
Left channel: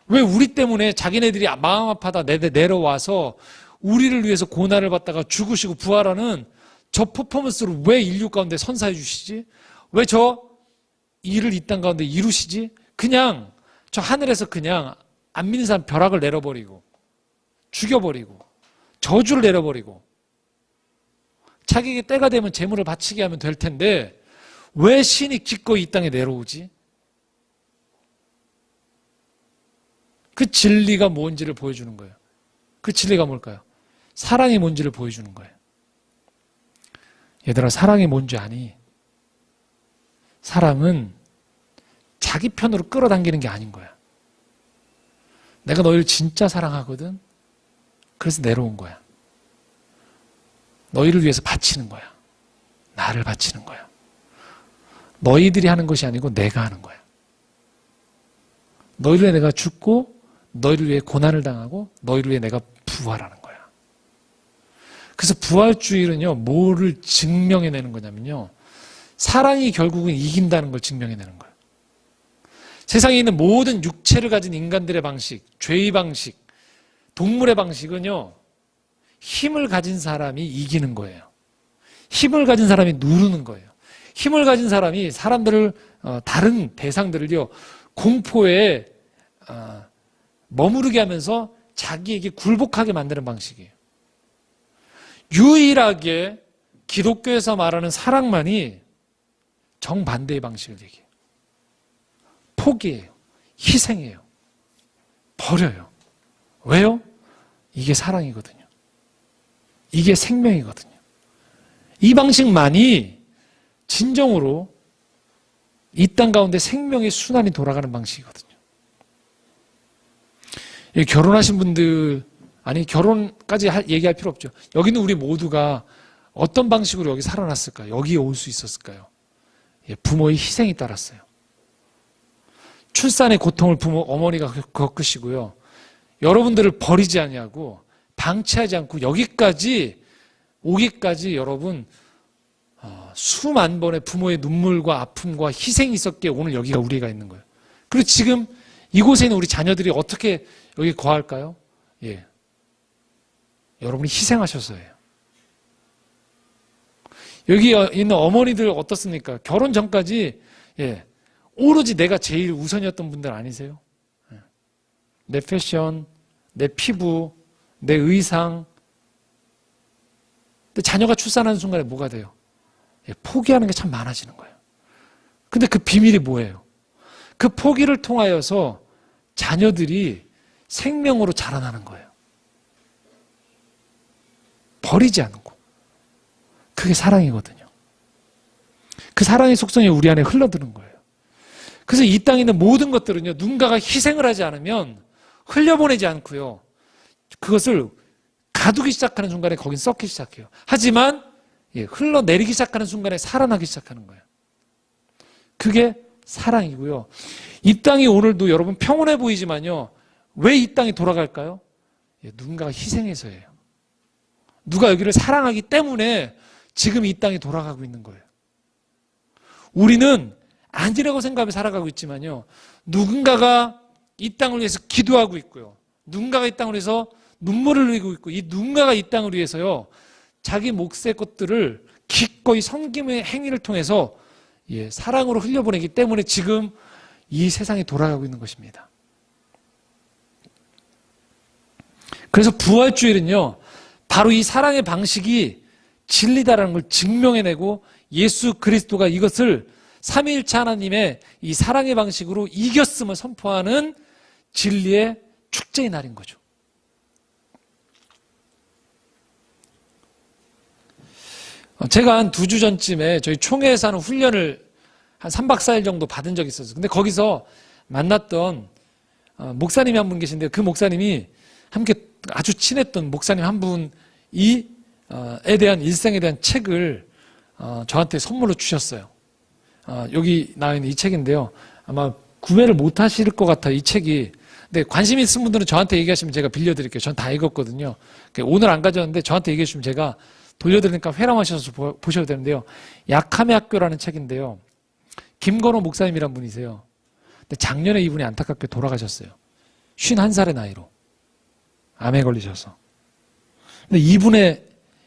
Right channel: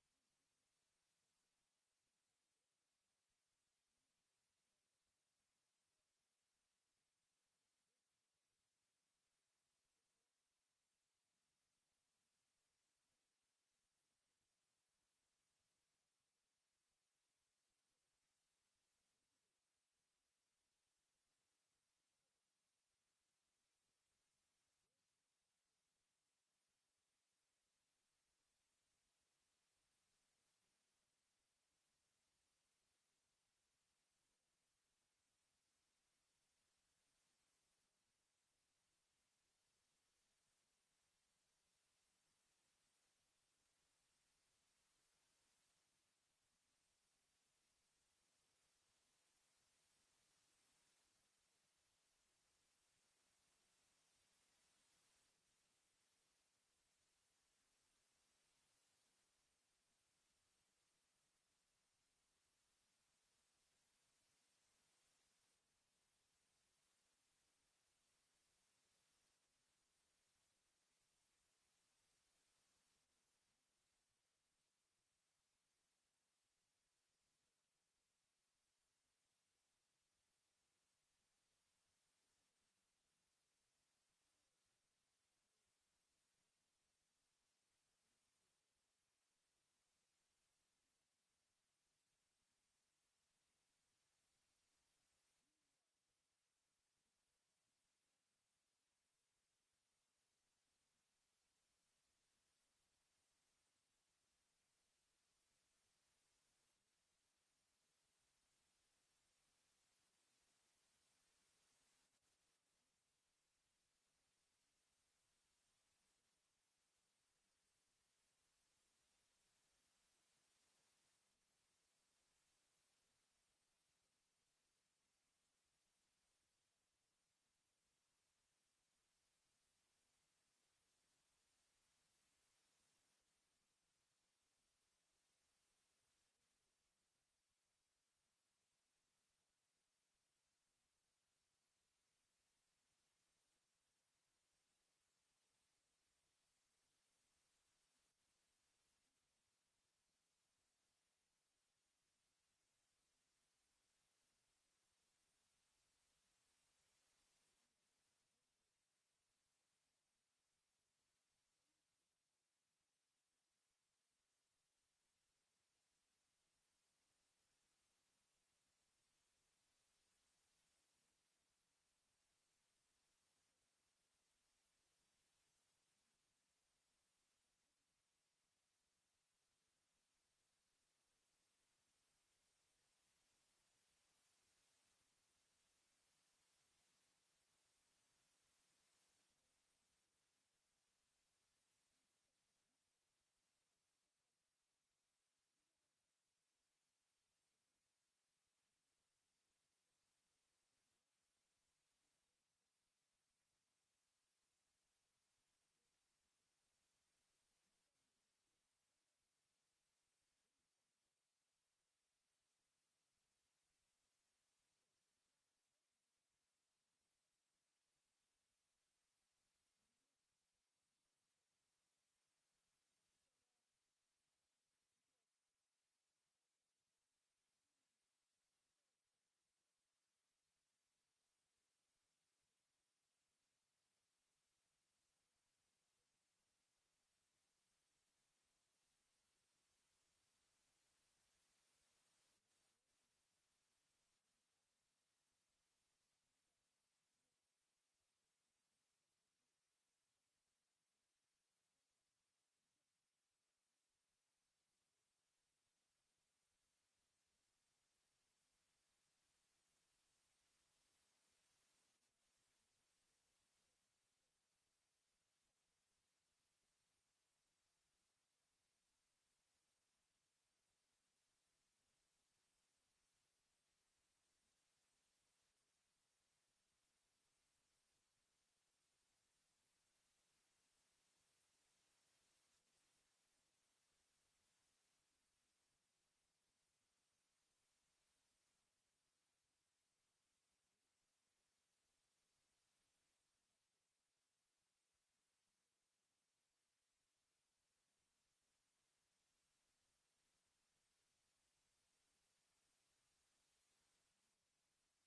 왜 우리 때문에 자기네들이 마음 아파다 내려와서 우리를 위해서 고난을 받다가 죽으시고 부활하는 저 퍼포먼스를 왜 인류 가운데 선사해 주시지? 왜 저 일을 이 땅 가운데 이루시지? 그냥 저 하늘에서 그냥 안 믿는 사람 벼락을 내려버리고 죽여버리고 저주를 내려버리고 자기에게 때가 되면 재물을 바치게 하면 될 텐데 왜 신이 기꺼이 이 땅에 내려오지? 그 진리가 뭔지를 보여주는 거예요. 그 진리가 뭘까요? 사랑이 뭔지를 보여주는 거예요. 얘들아, 사랑이 뭔지 아니? 사랑은 자기 편으로 끌어당기는 게 아닌 거야. 내가 너희를 진짜 사랑하거든. 그래서 내려온 거야. 너희를 위해서 바치는 거야. 나를 바치는 거야. 너희들이 하는 것이 아니고 내가 하는 거야. 너희를 위해 내가 죽고 너희를 위해 고난을 당하고 너희를 위해 내가 부활하는 거야. 그래서 부활주일은요, 뭐를 증명해내는 거냐면요, 사랑이 결국은 이긴다는 걸 증명해내는 거예요. 세상에 있는 모든 육체를 가진 인간들의 방식, 죄의 방식, 동물의 방식은요, 힘을 가진 사람이 이기는 거예요. 힘을 가진 사람이 누르는 거예요. 힘을 가진 사람이 사람들을, 다른 대상들을요, 공포에 머무르게 하면서 자기에게 굴복하게 만드는 방식이에요. 유일하게 기독교에서 말하는 사랑만이 정반대의 방식을 얘기해요. 포기해요. 희생해요. 버려요. 왜요? 이게 사랑이거든요. 이게 생명이거든요. 이 방식만이 진정으로 이 땅 가운데 생명의 순환이 돌아가는 방식이거든요. 결혼하신 분들, 아니 결혼까지 얘기할 필요 없죠. 여기는 우리 모두가 어떤 방식으로 여기 살아났을까요? 여기에 올 수 있었을까요? 예, 부모의 희생이 따랐어요. 출산의 고통을 어머니가 겪으시고요. 여러분들을 버리지 아니하고 방치하지 않고 여기까지 오기까지 여러분 수만 번의 부모의 눈물과 아픔과 희생이 있었기에 오늘 여기가 우리가 있는 거예요. 그리고 지금 이곳에 있는 우리 자녀들이 어떻게 여기 거할까요? 예, 여러분이 희생하셔서예요. 여기 있는 어머니들 어떻습니까? 결혼 전까지 예, 오로지 내가 제일 우선이었던 분들 아니세요? 예. 내 패션, 내 피부, 내 의상. 근데 자녀가 출산하는 순간에 뭐가 돼요? 예, 포기하는 게 참 많아지는 거예요. 근데 그 비밀이 뭐예요? 그 포기를 통하여서 자녀들이 생명으로 자라나는 거예요. 버리지 않고. 그게 사랑이거든요. 그 사랑의 속성이 우리 안에 흘러드는 거예요. 그래서 이 땅에 있는 모든 것들은요, 누군가가 희생을 하지 않으면 흘려보내지 않고요, 그것을 가두기 시작하는 순간에 거긴 썩기 시작해요. 하지만 흘러내리기 시작하는 순간에 살아나기 시작하는 거예요. 그게 사랑이고요. 이 땅이 오늘도 여러분 평온해 보이지만요, 왜 이 땅이 돌아갈까요? 누군가가 희생해서예요. 누가 여기를 사랑하기 때문에 지금 이 땅이 돌아가고 있는 거예요. 우리는 아니라고 생각하며 살아가고 있지만요, 누군가가 이 땅을 위해서 기도하고 있고요, 누군가가 이 땅을 위해서 눈물을 흘리고 있고, 이 누군가가 이 땅을 위해서요, 자기 몫의 것들을 기꺼이 섬김의 행위를 통해서 사랑으로 흘려보내기 때문에 지금 이 세상이 돌아가고 있는 것입니다. 그래서 부활주일은요, 바로 이 사랑의 방식이 진리다라는 걸 증명해내고 예수 그리스도가 이것을 삼위일체 하나님의 이 사랑의 방식으로 이겼음을 선포하는 진리의 축제의 날인 거죠. 제가 한 2주 전쯤에 저희 총회에서 하는 훈련을 한 3박 4일 정도 받은 적이 있었어요. 근데 거기서 만났던 목사님이 한 분 계신데요. 그 목사님이 함께 아주 친했던 목사님 한 분이 에 대한 일생에 대한 책을 저한테 선물로 주셨어요. 여기 나와 있는 이 책인데요. 아마 구매를 못 하실 것 같아요, 이 책이. 근데 관심 있으신 분들은 저한테 얘기하시면 제가 빌려드릴게요. 전 다 읽었거든요. 오늘 안 가져왔는데 저한테 얘기해 주시면 제가 돌려드리니까 회람하셔서 보셔도 되는데요. 약함의 학교라는 책인데요. 김건호 목사님이란 분이세요. 근데 작년에 이분이 안타깝게 돌아가셨어요. 51살의 나이로. 암에 걸리셔서. 근데 이분의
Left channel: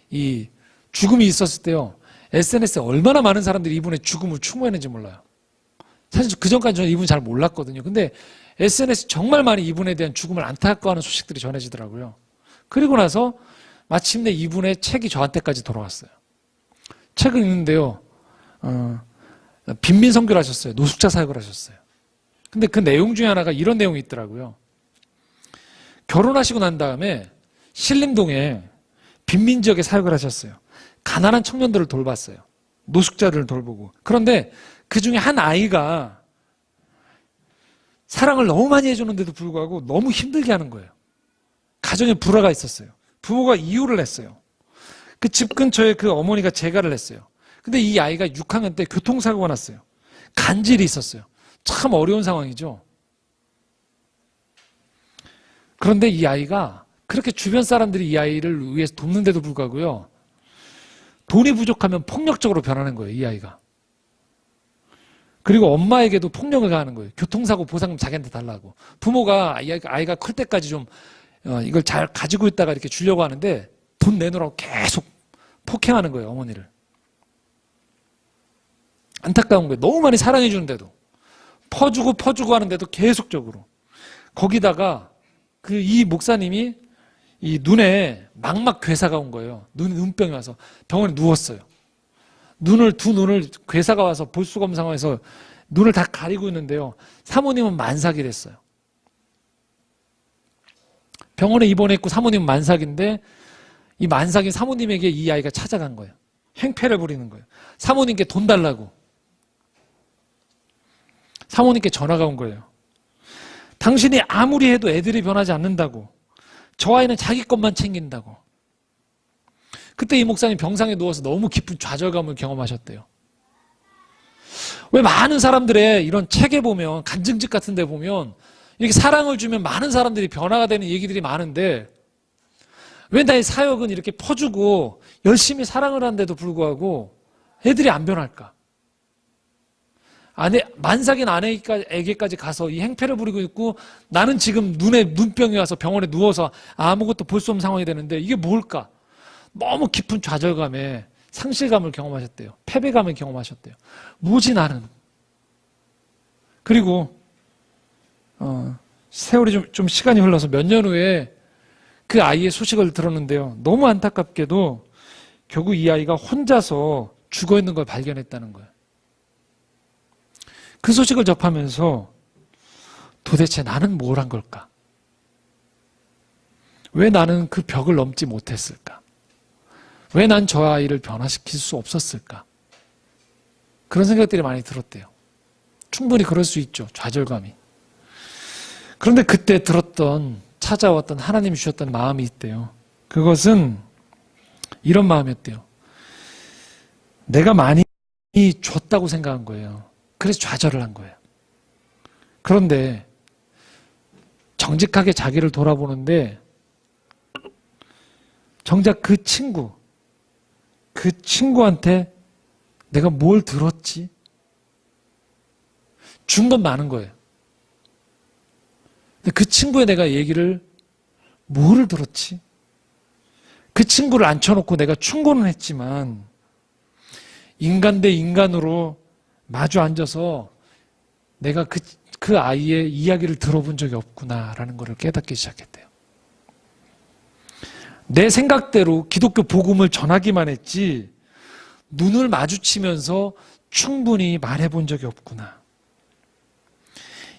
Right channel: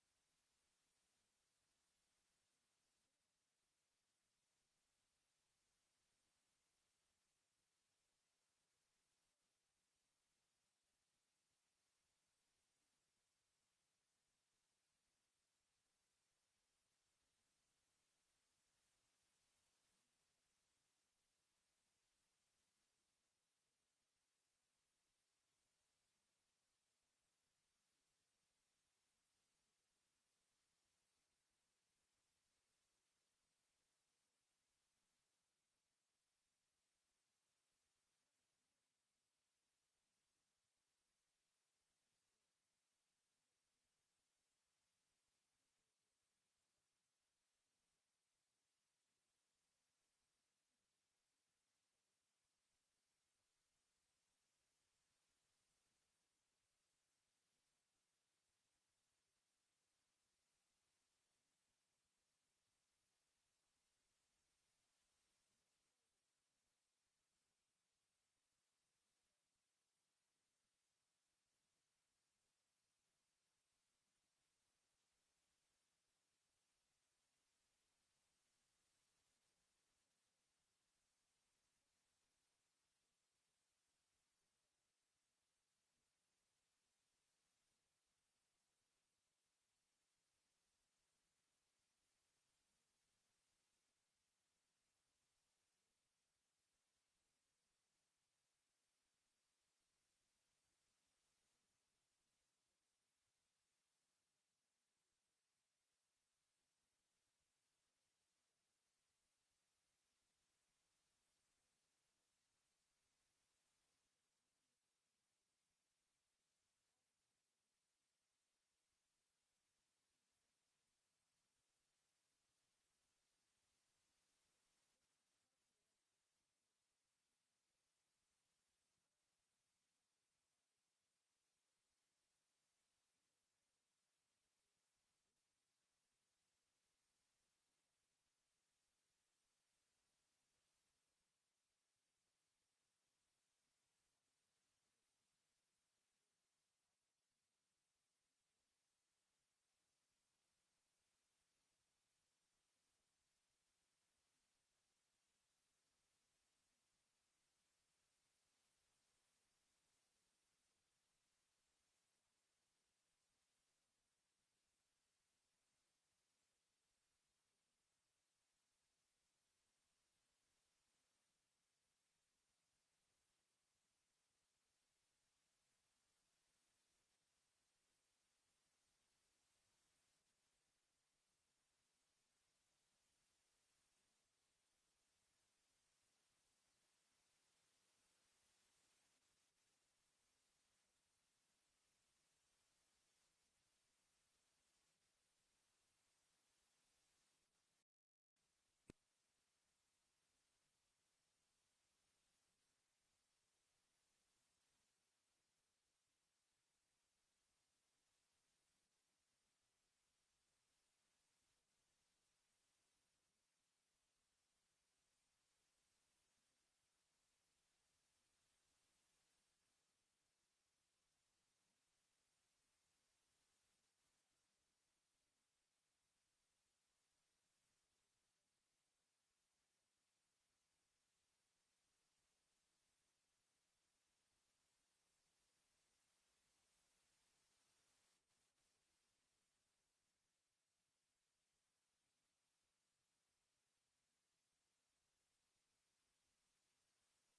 이 죽음이 있었을 때요, SNS에 얼마나 많은 사람들이 이분의 죽음을 추모했는지 몰라요. 사실 그 전까지 저는 이분 잘 몰랐거든요. 근데 SNS 정말 많이 이분에 대한 죽음을 안타까워하는 소식들이 전해지더라고요. 그리고 나서 마침내 이분의 책이 저한테까지 돌아왔어요. 책을 읽는데요, 빈민 선교를 하셨어요. 노숙자 사역을 하셨어요. 근데 그 내용 중에 하나가 이런 내용이 있더라고요. 결혼하시고 난 다음에 신림동에 빈민 지역에 사역을 하셨어요. 가난한 청년들을 돌봤어요. 노숙자들을 돌보고. 그런데 그 중에 한 아이가 사랑을 너무 많이 해주는데도 불구하고 너무 힘들게 하는 거예요. 가정에 불화가 있었어요. 부모가 이혼을 했어요. 그 집 근처에 그 어머니가 재가를 했어요. 근데 이 아이가 6학년 때 교통사고가 났어요. 간질이 있었어요. 참 어려운 상황이죠. 그런데 이 아이가 그렇게 주변 사람들이 이 아이를 위해서 돕는데도 불구하고요, 돈이 부족하면 폭력적으로 변하는 거예요, 이 아이가. 그리고 엄마에게도 폭력을 가하는 거예요. 교통사고 보상금 자기한테 달라고. 부모가 아이가 클 때까지 좀 이걸 잘 가지고 있다가 이렇게 주려고 하는데 돈 내놓으라고 계속 폭행하는 거예요, 어머니를. 안타까운 거예요. 너무 많이 사랑해 주는데도. 퍼주고 하는데도 계속적으로. 거기다가 이 목사님이 이 눈에 망막 괴사가 온 거예요. 눈병이 와서 병원에 누웠어요. 두 눈을 괴사가 와서 볼 수가 없는 상황에서 눈을 다 가리고 있는데요. 사모님은 만삭이를 했어요. 병원에 입원했고 사모님은 만삭인데 이 만삭인 사모님에게 이 아이가 찾아간 거예요. 행패를 부리는 거예요. 사모님께 돈 달라고. 사모님께 전화가 온 거예요. 당신이 아무리 해도 애들이 변하지 않는다고. 저 아이는 자기 것만 챙긴다고. 그때 이 목사님 병상에 누워서 너무 깊은 좌절감을 경험하셨대요. 왜 많은 사람들의 이런 책에 보면, 간증집 같은 데 보면 이렇게 사랑을 주면 많은 사람들이 변화가 되는 얘기들이 많은데, 왜 나의 사역은 이렇게 퍼주고 열심히 사랑을 하는데도 불구하고 애들이 안 변할까? 만삭인 아내에게까지 가서 이 행패를 부리고 있고, 나는 지금 눈에 눈병이 와서 병원에 누워서 아무것도 볼 수 없는 상황이 되는데 이게 뭘까? 너무 깊은 좌절감에 상실감을 경험하셨대요. 패배감을 경험하셨대요. 뭐지 나는? 그리고 세월이 좀 시간이 흘러서 몇 년 후에 그 아이의 소식을 들었는데요. 너무 안타깝게도 결국 이 아이가 혼자서 죽어 있는 걸 발견했다는 거예요. 그 소식을 접하면서 도대체 나는 뭘 한 걸까? 왜 나는 그 벽을 넘지 못했을까? 왜 난 저 아이를 변화시킬 수 없었을까? 그런 생각들이 많이 들었대요. 충분히 그럴 수 있죠. 좌절감이. 그런데 그때 찾아왔던 하나님이 주셨던 마음이 있대요. 그것은 이런 마음이었대요. 내가 많이 줬다고 생각한 거예요. 그래서 좌절을 한 거예요. 그런데 정직하게 자기를 돌아보는데 정작 그 친구한테 내가 뭘 들었지? 준 건 많은 거예요. 근데 그 친구의 내가 얘기를 뭐를 들었지? 그 친구를 앉혀놓고 내가 충고는 했지만 인간 대 인간으로 마주 앉아서 내가 그 아이의 이야기를 들어본 적이 없구나라는 것을 깨닫기 시작했대요. 내 생각대로 기독교 복음을 전하기만 했지 눈을 마주치면서 충분히 말해본 적이 없구나.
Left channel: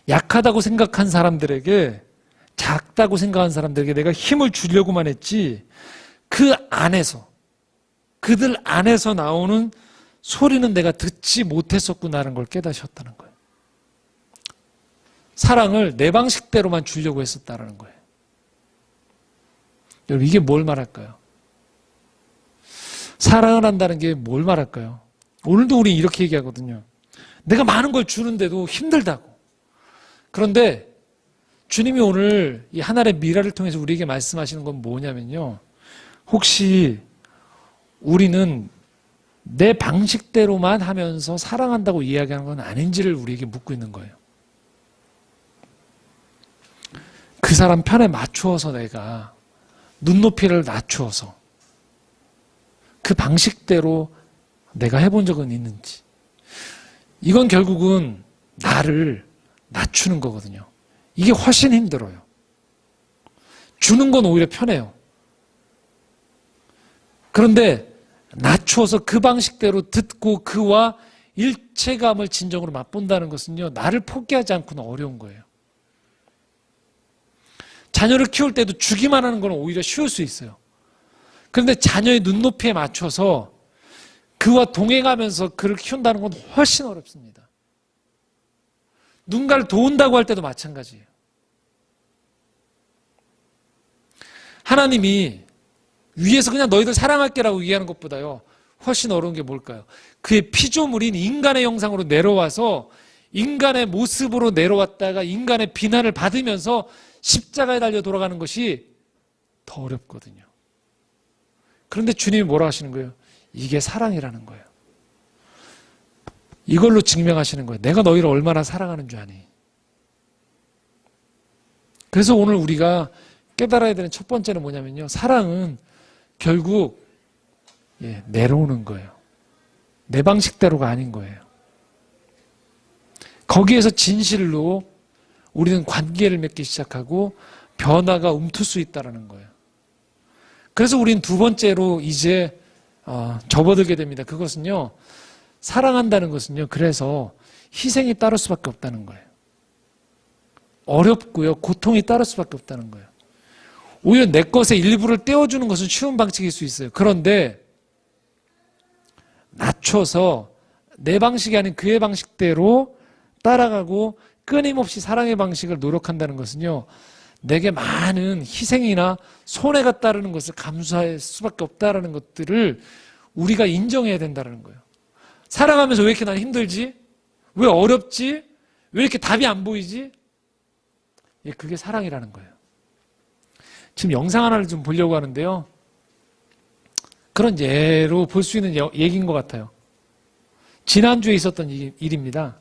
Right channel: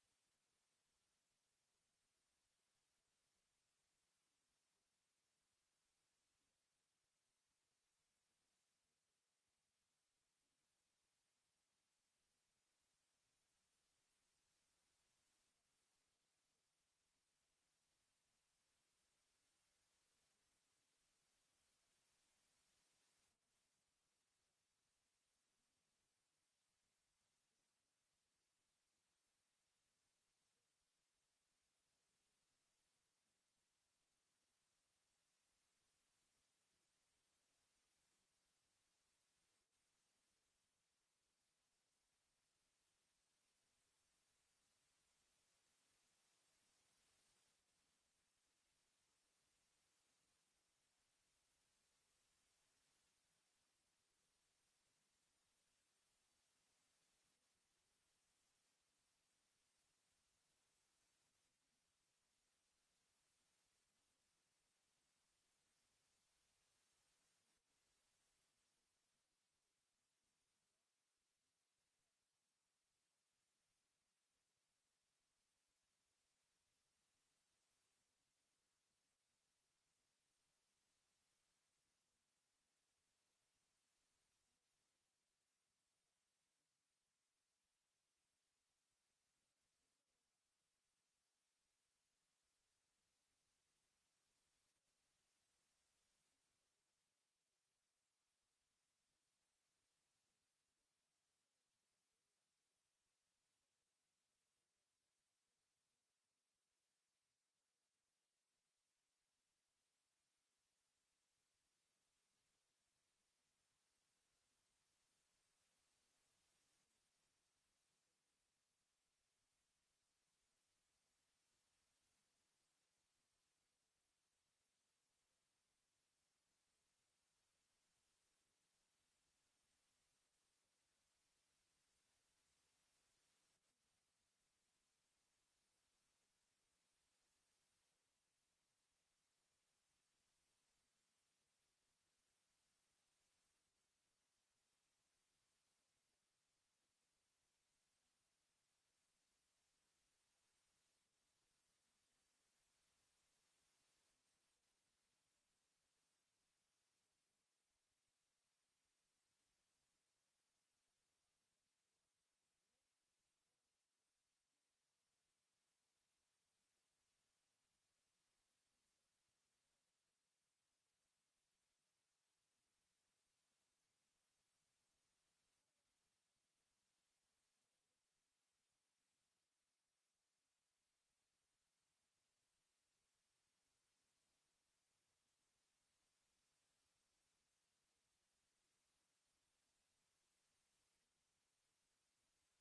약하다고 생각한 사람들에게, 작다고 생각한 사람들에게 내가 힘을 주려고만 했지 그들 안에서 나오는 소리는 내가 듣지 못했었구나라는 걸 깨닫으셨다는 거예요. 사랑을 내 방식대로만 주려고 했었다는 거예요. 여러분, 이게 뭘 말할까요? 사랑을 한다는 게 뭘 말할까요? 오늘도 우리 이렇게 얘기하거든요. 내가 많은 걸 주는데도 힘들다고. 그런데 주님이 오늘 이 하나의 미라를 통해서 우리에게 말씀하시는 건 뭐냐면요. 혹시 우리는 내 방식대로만 하면서 사랑한다고 이야기하는 건 아닌지를 우리에게 묻고 있는 거예요. 그 사람 편에 맞추어서 내가 눈높이를 낮추어서 그 방식대로 내가 해본 적은 있는지. 이건 결국은 나를 낮추는 거거든요. 이게 훨씬 힘들어요. 주는 건 오히려 편해요. 그런데 낮추어서 그 방식대로 듣고 그와 일체감을 진정으로 맛본다는 것은요, 나를 포기하지 않고는 어려운 거예요. 자녀를 키울 때도 주기만 하는 건 오히려 쉬울 수 있어요. 그런데 자녀의 눈높이에 맞춰서 그와 동행하면서 그를 키운다는 건 훨씬 어렵습니다. 누군가를 도운다고 할 때도 마찬가지예요. 하나님이 위에서 그냥 너희들 사랑할게라고 얘기하는 것보다요, 훨씬 어려운 게 뭘까요? 그의 피조물인 인간의 형상으로 내려와서 인간의 모습으로 내려왔다가 인간의 비난을 받으면서 십자가에 달려 돌아가는 것이 더 어렵거든요. 그런데 주님이 뭐라 하시는 거예요? 이게 사랑이라는 거예요. 이걸로 증명하시는 거예요. 내가 너희를 얼마나 사랑하는 줄 아니. 그래서 오늘 우리가 깨달아야 되는 첫 번째는 뭐냐면요, 사랑은 결국 내려오는 거예요. 내 방식대로가 아닌 거예요. 거기에서 진실로 우리는 관계를 맺기 시작하고 변화가 움틀 수 있다는 거예요. 그래서 우리는 두 번째로 이제 접어들게 됩니다. 그것은요, 사랑한다는 것은요, 그래서 희생이 따를 수밖에 없다는 거예요. 어렵고요, 고통이 따를 수밖에 없다는 거예요. 오히려 내 것의 일부를 떼어주는 것은 쉬운 방식일 수 있어요. 그런데 낮춰서 내 방식이 아닌 그의 방식대로 따라가고 끊임없이 사랑의 방식을 노력한다는 것은요, 내게 많은 희생이나 손해가 따르는 것을 감수할 수밖에 없다라는 것들을 우리가 인정해야 된다는 거예요. 살아가면서 왜 이렇게 난 힘들지? 왜 어렵지? 왜 이렇게 답이 안 보이지? 예, 그게 사랑이라는 거예요. 지금 영상 하나를 좀 보려고 하는데요. 그런 예로 볼 수 있는 얘기인 것 같아요. 지난주에 있었던 일입니다.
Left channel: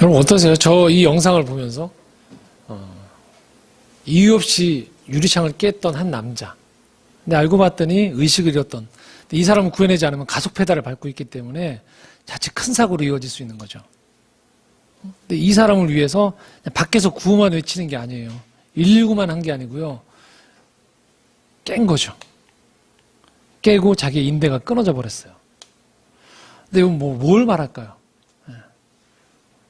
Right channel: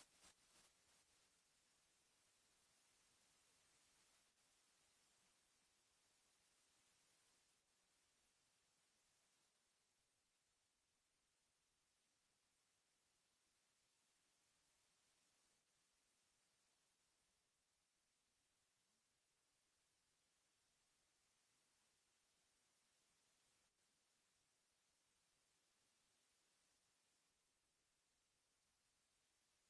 여러분 어떠세요? 저 이 영상을 보면서 이유 없이 유리창을 깼던 한 남자. 근데 알고 봤더니 의식을 잃었던. 근데 이 사람을 구해내지 않으면 가속 페달을 밟고 있기 때문에 자칫 큰 사고로 이어질 수 있는 거죠. 근데 이 사람을 위해서 밖에서 구호만 외치는 게 아니에요. 119만 한 게 아니고요. 깬 거죠. 깨고 자기의 인대가 끊어져 버렸어요. 근데 이건 뭘 말할까요?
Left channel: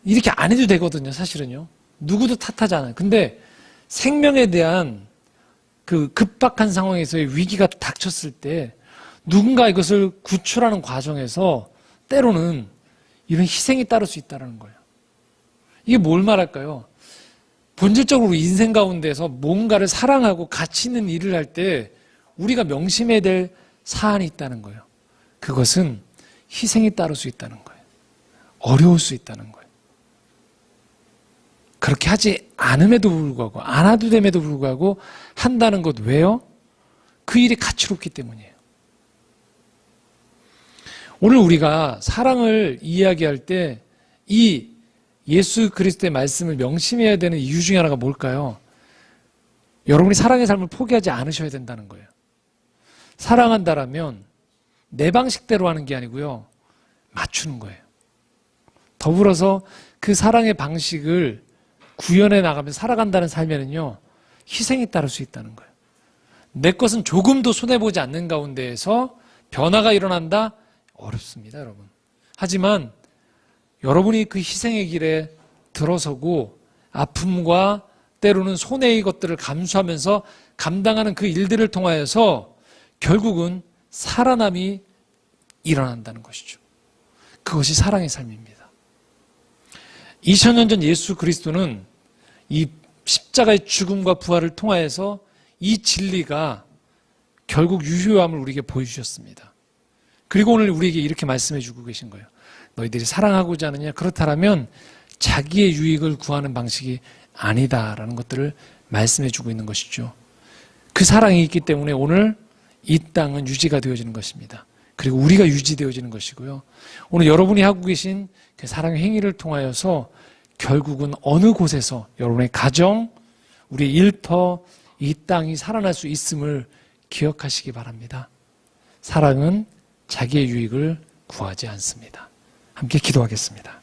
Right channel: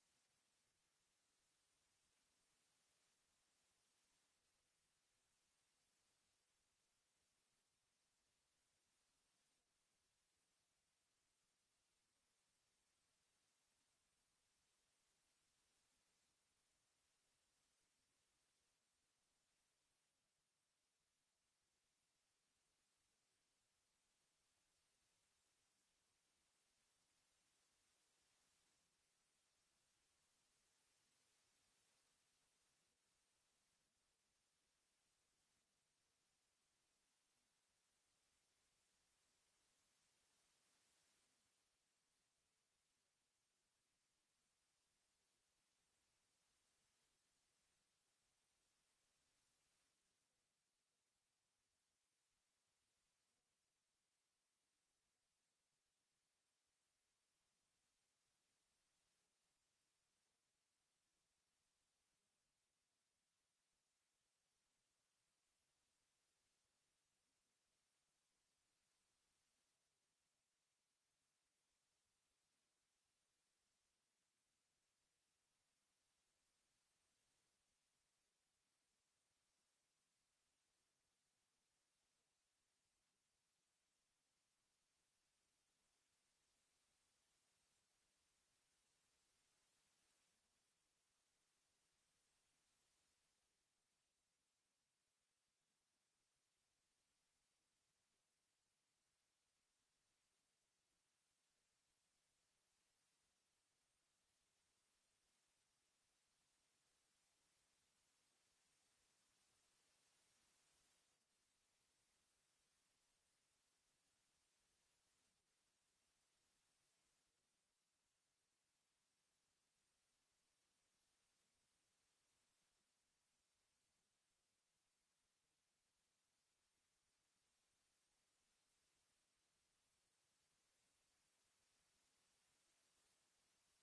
이렇게 안 해도 되거든요, 사실은요. 누구도 탓하지 않아요. 근데 생명에 대한 그 급박한 상황에서의 위기가 닥쳤을 때 누군가 이것을 구출하는 과정에서 때로는 이런 희생이 따를 수 있다는 거예요. 이게 뭘 말할까요? 본질적으로 인생 가운데서 뭔가를 사랑하고 가치 있는 일을 할 때 우리가 명심해야 될 사안이 있다는 거예요. 그것은 희생이 따를 수 있다는 거예요. 어려울 수 있다는 거예요. 그렇게 하지 않음에도 불구하고 안 해도 됨에도 불구하고 한다는 것 왜요? 그 일이 가치롭기 때문이에요. 오늘 우리가 사랑을 이야기할 때 이 예수 그리스도의 말씀을 명심해야 되는 이유 중에 하나가 뭘까요? 여러분이 사랑의 삶을 포기하지 않으셔야 된다는 거예요. 사랑한다라면 내 방식대로 하는 게 아니고요. 맞추는 거예요. 더불어서 그 사랑의 방식을 구현해 나가면서 살아간다는 삶에는요. 희생이 따를 수 있다는 거예요. 내 것은 조금도 손해보지 않는 가운데에서 변화가 일어난다? 어렵습니다, 여러분. 하지만 여러분이 그 희생의 길에 들어서고 아픔과 때로는 손해의 것들을 감수하면서 감당하는 그 일들을 통하여서 결국은 살아남이 일어난다는 것이죠. 그것이 사랑의 삶입니다. 2000년 전 예수 그리스도는 이 십자가의 죽음과 부활을 통하여서 이 진리가 결국 유효함을 우리에게 보여주셨습니다. 그리고 오늘 우리에게 이렇게 말씀해 주고 계신 거예요. 너희들이 사랑하고자 하느냐? 그렇다면 자기의 유익을 구하는 방식이 아니다라는 것들을 말씀해 주고 있는 것이죠. 그 사랑이 있기 때문에 오늘 이 땅은 유지가 되어지는 것입니다. 그리고 우리가 유지되어지는 것이고요. 오늘 여러분이 하고 계신 그 사랑의 행위를 통하여서 결국은 어느 곳에서 여러분의 가정, 우리의 일터, 이 땅이 살아날 수 있음을 기억하시기 바랍니다. 사랑은 자기의 유익을 구하지 않습니다. 함께 기도하겠습니다.